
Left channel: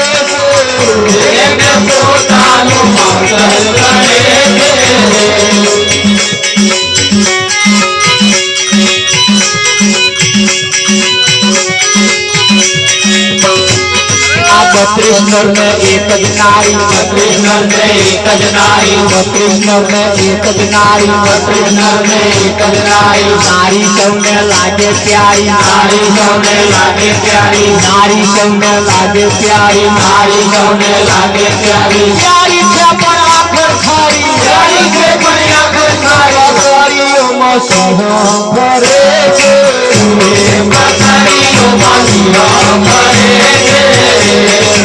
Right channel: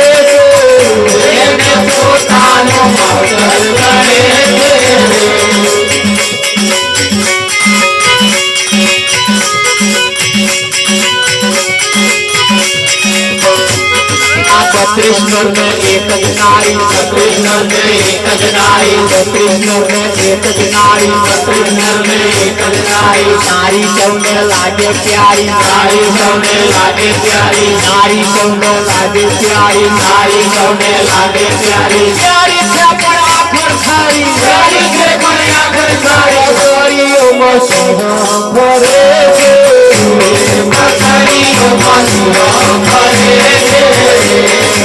कृष्ण में एक नारी कृष्ण में एक नारी कृष्ण में एक नारी कृष्ण में एक नारी नारी संग लागे प्यारी नारी संग लागे प्यारी नारी संग लागे प्यारी नारी संग लागे प्यारी प्यारी से बड़ा आखर खारी प्यारी से बड़ी आखर खारी गोरियों में सोहा भरे छे गोरियों में सोहा भरे छे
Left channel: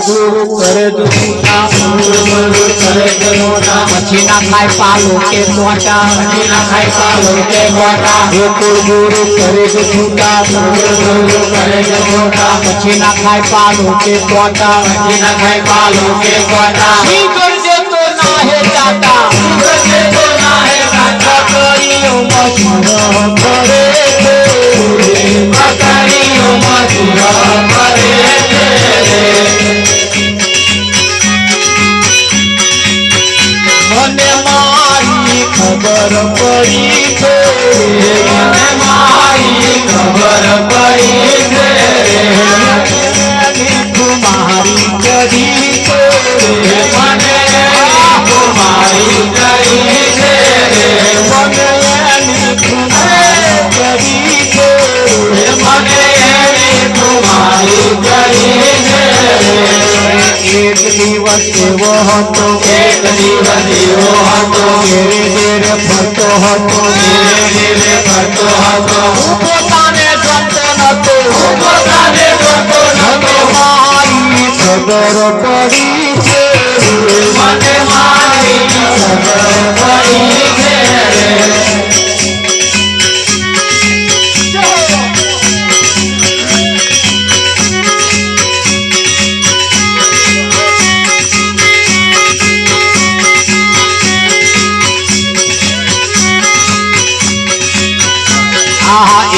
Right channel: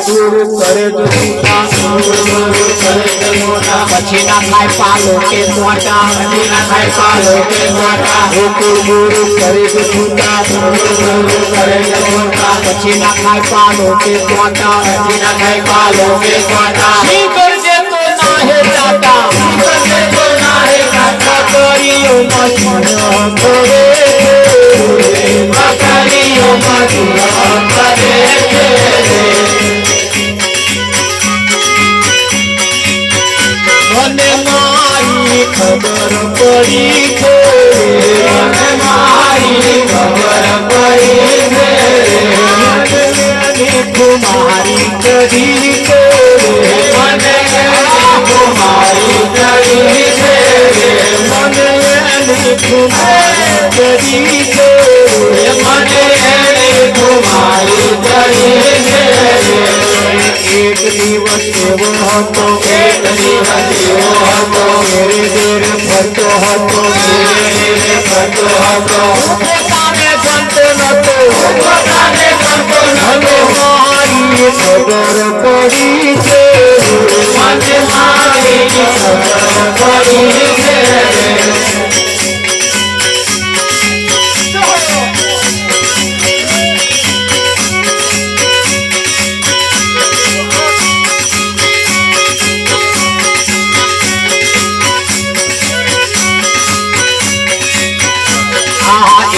गुरु करे પછી ના ખાય પાલો કે મોટા પછી ના ખાય પાલો કે મોટા ગુરુ કરે જૂઠા ગુરુ કરે જૂઠા પછી ના ખાય પાલો કે મોટા પછી ના ખાય પાલો કે મોટા શી કરજે તો ના હે દાતા કરજે તો ના હે દાતા કોઈઓ મચુરો કરે મકરીઓ મચુરો કરે खबर पड़ी थे मारी खबर पड़ी थे तुम्हारी करी थे मने तुम्हारी करी थे मने तुम्हारी करी थे मने तुम्हारी करी थे एक दिवस वो तो एक दिवस वो तो मेरे मेरे फतो हमको मेरे मेरे फतो हमको पोताने करते न तो पोताने करते न तो मारी खबर पड़ी छे मने मारी खबर पड़ी छे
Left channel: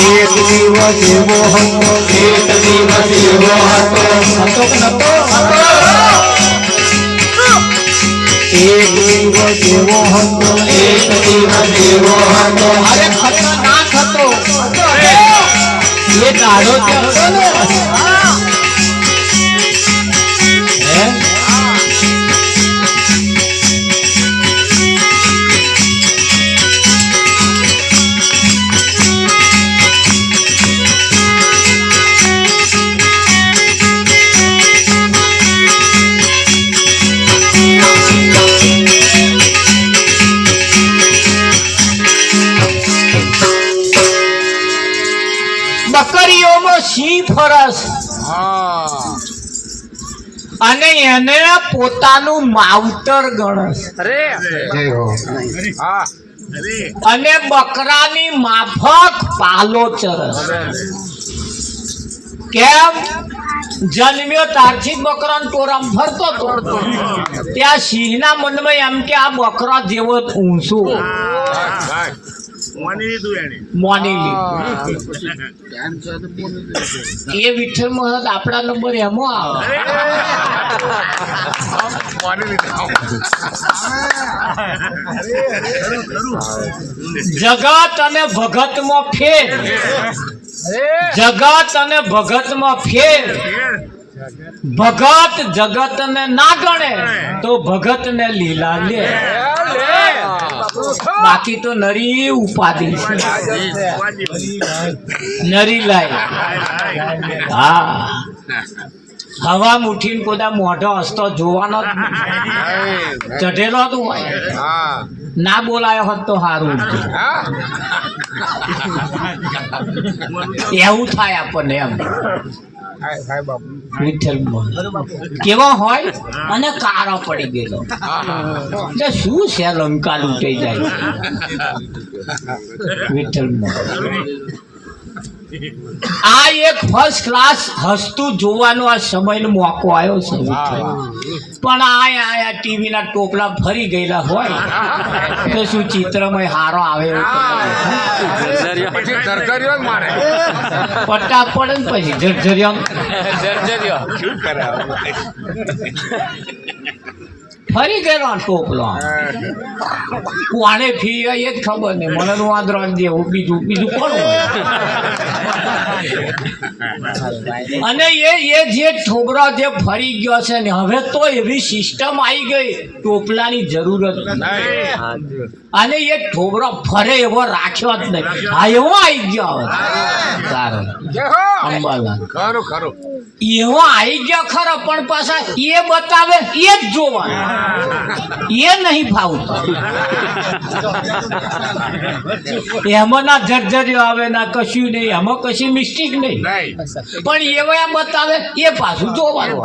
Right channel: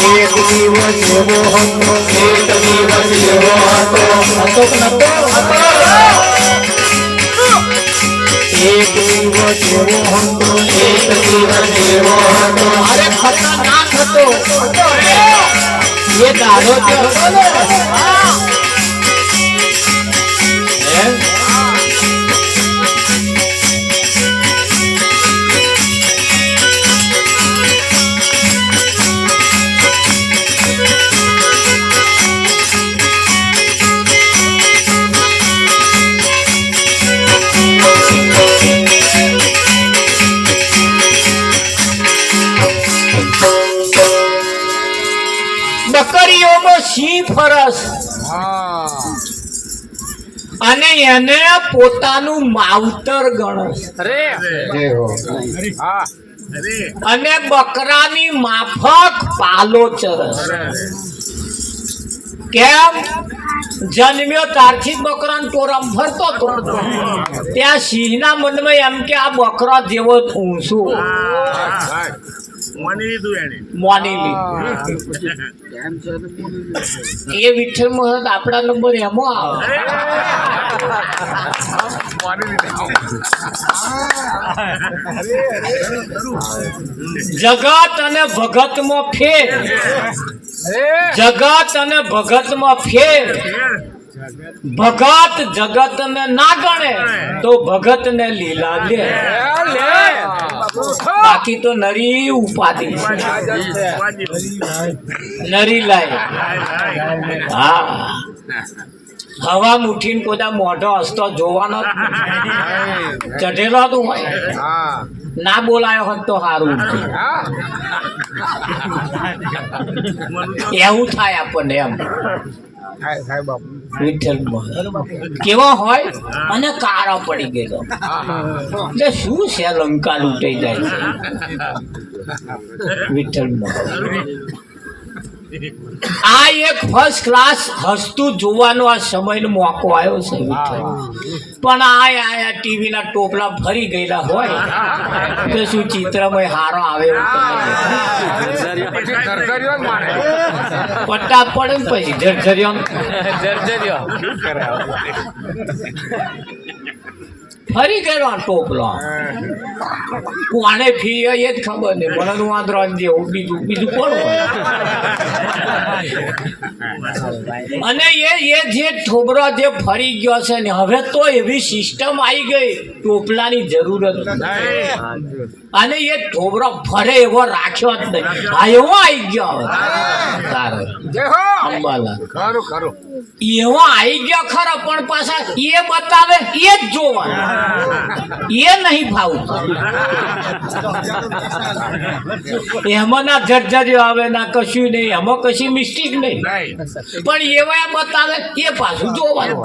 एक दिवस एवो हतो एक दिवस एवो हतो एक दिवस एवो हतो एक दिवस एवो हतो अरे खतरनाक हतो ये दाड़ो के हतो ने બકરીઓનો સિંહ ફરસ અને એને પોતાનું માવતર ગણસ અને બકરાની માફક પાલો ચરસ કેમ જન્મ્યો તારથી બકરાનો ટોરામ ફરતો હતો ત્યાં સિંહના મનમાં એમ કે આ બકરો જેવો ઊંચો મોની લીધું એ વિઠ્ઠલ મહારાજ આપણા નંબર એમાં જગત અને ભગત માં ફેર જગત અને ભગત માં ફેર ભગત જગત ને ના ગણે તો ભગત ને લીલા લે બાકી તો નરી ઉપાધિ નરી લાય હા હવા ઉઠીને પોતા મોઢો હસતો જોવાનો ચઢેલો તો હોય ના બોલાયો હોત તો સારું એવું થાય આપણને એમ વિઠ્ઠલ કેવો હોય અને કાળો પડી ગયેલો એટલે શું છે લંકા લૂંટાઈ જાય વિઠ્ઠલ આ એક ફર્સ્ટ ક્લાસ હસતું જોવાનો આ સમયનો મોકો આવ્યો છે વિઠ્ઠલ. પણ આ ટીવી ના ટોપલા ફરી ગયેલા હોય તો શું ચિત્રમય હારો આવે એવું પટ્ટા પડે ને પછી જર્જરિયા ફરી ગયેલો ટોપલો કોને ફી એ જ ખબર નહીં મને વાંદરો જેવું બીજું કોણ હોય? અને એ જે છોકરો જે ફરી ગયો છે ને હવે તો એવી સિસ્ટમ આવી ગઈ ટોપલાની જરૂરત નથી. અને એ ઠોબરો ફરે એવો રાખ્યો જ નહીં. હા એવો આવી ગયો હવે તારે અંબાલા એવો આવી ગયો ખરો પણ પાછા એ બતાવે એ જ જોવાનું એ નહીં ફાવતું. એમાં ના જર્જરીઓ આવે ના કશું નહીં એમાં કશી મિસ્ટેક નહીં પણ એવા બતાવે એ પાછું જોવાનું.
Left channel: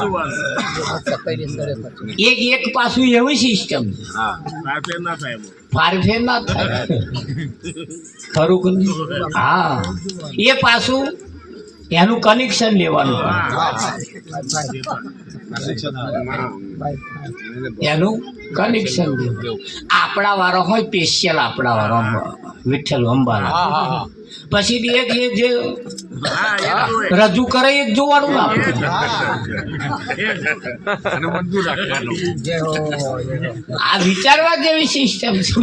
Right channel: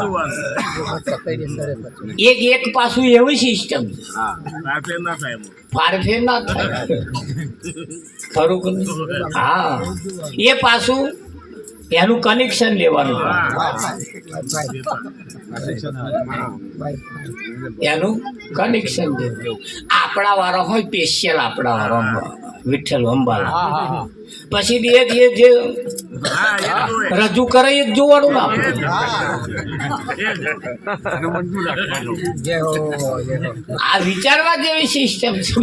એક પાછું એવી સિસ્ટમ ફારફેર ના થાય ખરું કે નહીં? હા એ પાછું એનું કનેક્શન લેવાનું એનું કનેક્શન લેવાનું. આપણા વાળો હોય સ્પેશિયલ આપણા વાળો વિઠ્ઠલ અંબાલા પછી એ જે રજૂ કરે એ જ જોવાનું ને આપણે. આ વિચારવા જેવી સિસ્ટમ છે.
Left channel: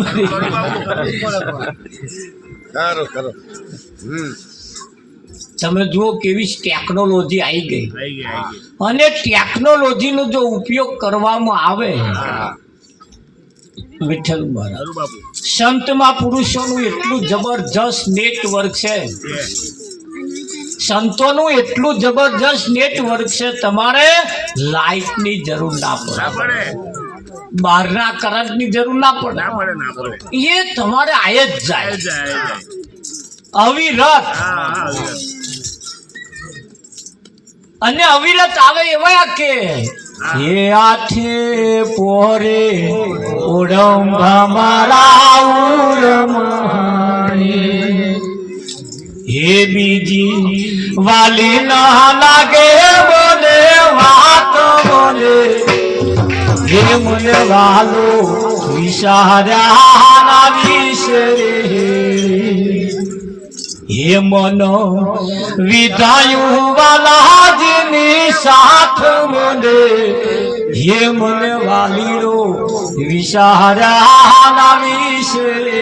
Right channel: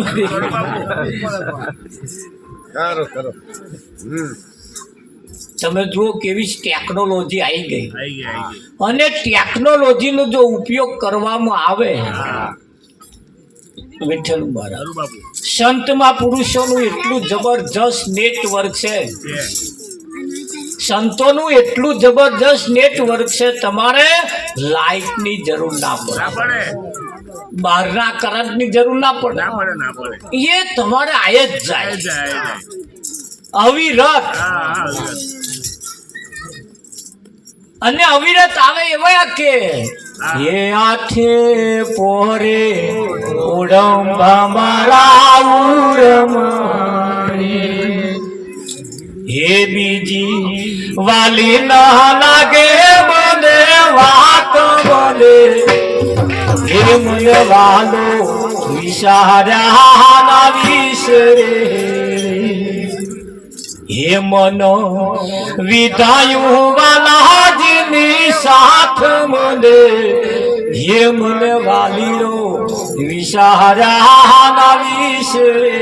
તમે જુઓ કેવી ટેકનોલોજી આવી ગઈ અને ટેકનોલોજીનો જો ઉપયોગ કરવામાં આવે વિઠ્ઠલ મહારાજ સંતમાં પુરુષોનું એટલું જબરજસ્ત નેટવર્ક છે સંતોનું એટલું જબરજસ્ત નેટવર્ક છે તમારે લાઇટની જરૂર ના પડે બહારના કરંટની જરૂર ના પડે એ તમારે આયે જ જાય અવિરત અને અવિરત આવે એવા કે એ આઠે પોરે ઓડંબા મારા ઉરમણી હે બીજી વાલી ના લાગે મને વાત બોલે હે મને વાલો વિચાર્યા ના વિસરે હે મનો વિધાયું વાલાજીની સાથ મને હે મને વાલીનો વિચાર્યા ના વિસરે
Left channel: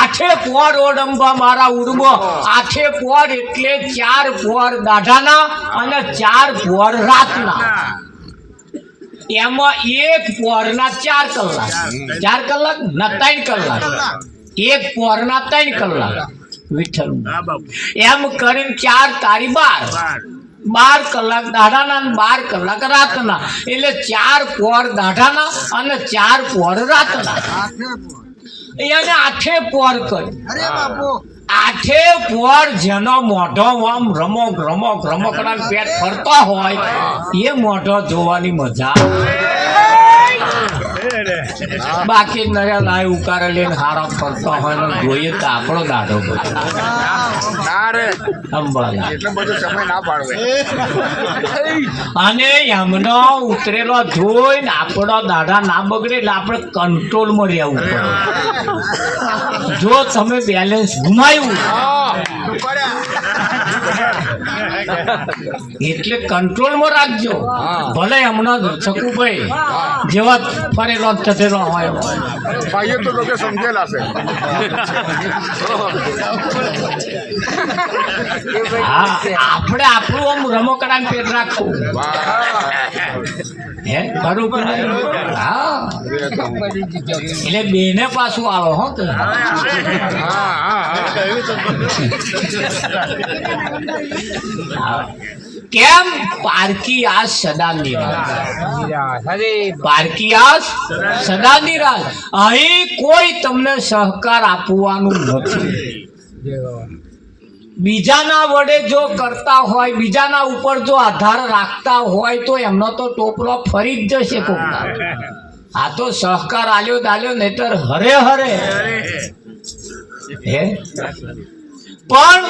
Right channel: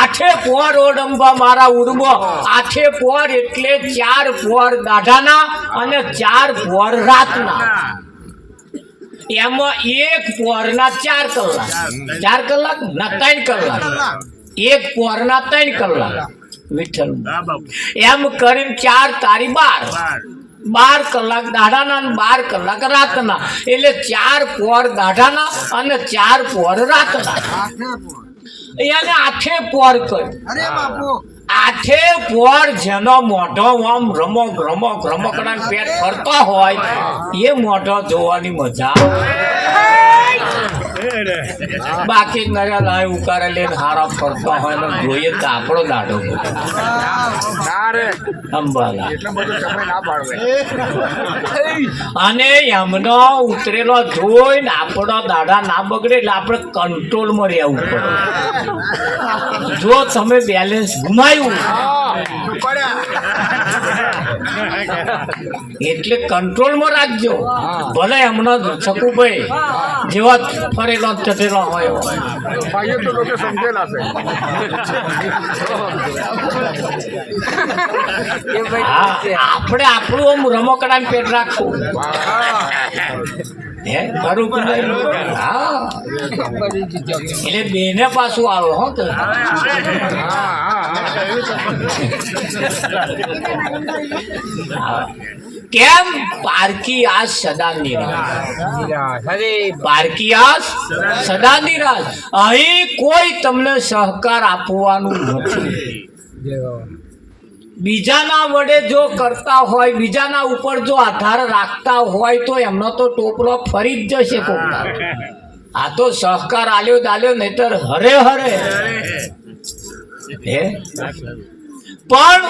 આઠે પોર ઓડંબા મારા ઉડમો આઠે પોર એટલે 4 પોર દાઢાના અને 4 પોર રાતના એમાં એક પોરના 4 કલાક 4 કલાક ના 3 કલાક એક પોરના 3 કલાક વિઠ્ઠલ એમ કરીને 4 તારી 12 કલાક દાઢાના અને 12 કલાક રાતના એટલે 4 પોર દાઢાના અને 4 પોર રાતના એને આઠે પોર કરી. અરે બાપુ આઠે પોર જેનો મોઢો આમ રમકડા પેટ ફરતો હોય એ મોઢો જોવાની મજા બાકી નયા લાય ઉકારે લઈને હારા ફરતો હોય ને જોઈએ તો આપણો દાડો અંબાલા અને એમનો ઉતરેલો જોઈને આપણો દાડા ના બગડે એટલે આપણે કંટ્રોલમાં રહેવું પડે. જો તમે બેલેન્સ ગુમાવ્યું એટલે કંટ્રોલમાં રાખજો. ભલે હમણો શકુભાઈ જેવા ફરેલો ચઢેલો હોય આપણે આપણું આમ રમકડા પેટ રાખવું હે બરોબર. હા એટલે બેને પાછું આવે હો તો કેમ પારકી આસ સદા નિરાશ પારકી આસ સદા નિરાશ. અહીં કોઈ તમને સહકાર આપવાનું નથી. બીજાના વડે જો કરતા હોય બીજાના ઉપર જો આધાર રાખતા હોય તો એમનો તો ટોપલો ફરી જ જશે કોકના. આ તો સહકાર આલ્યો દાલ્યો નહીતર હરે હરે હે પણ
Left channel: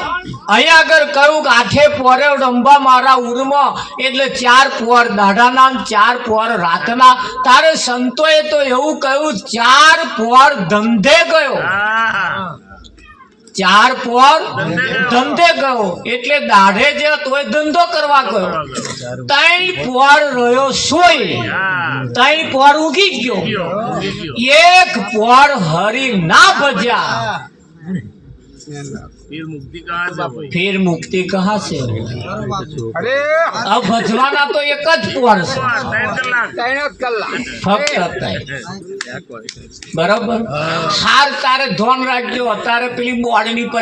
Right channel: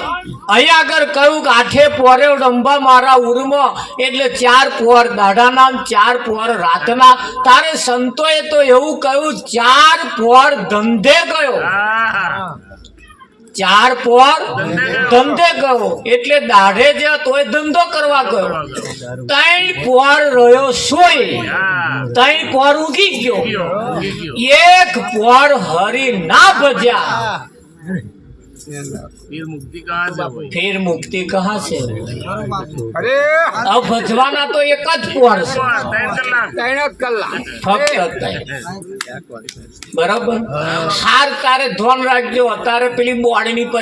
અહીંયા આગળ કહ્યું કે આઠે પોરે રંભા મારા ઉરમાં એટલે 4 પોર દાઢાના 4 પોર રાતના. તારે સંતોએ તો એવું કહ્યું 4 પોર ધંધે ગયો, 4 પોર ધંધે ગયો એટલે દાઢે જ્યાં તોય ધંધો કરવા ગયો. 3 પોર રહ્યો સોય, 3 પોર ઉગી ગયો, 1 પોર હરી ના ભજ્યા. फिर मुक्ति कहाँ से होगी? अब भजवाना तो एक ज पोर फक्त बराबर. सार तारे धोन राखજો. અત્યારે પેલી બોર્ડની પરીક્ષા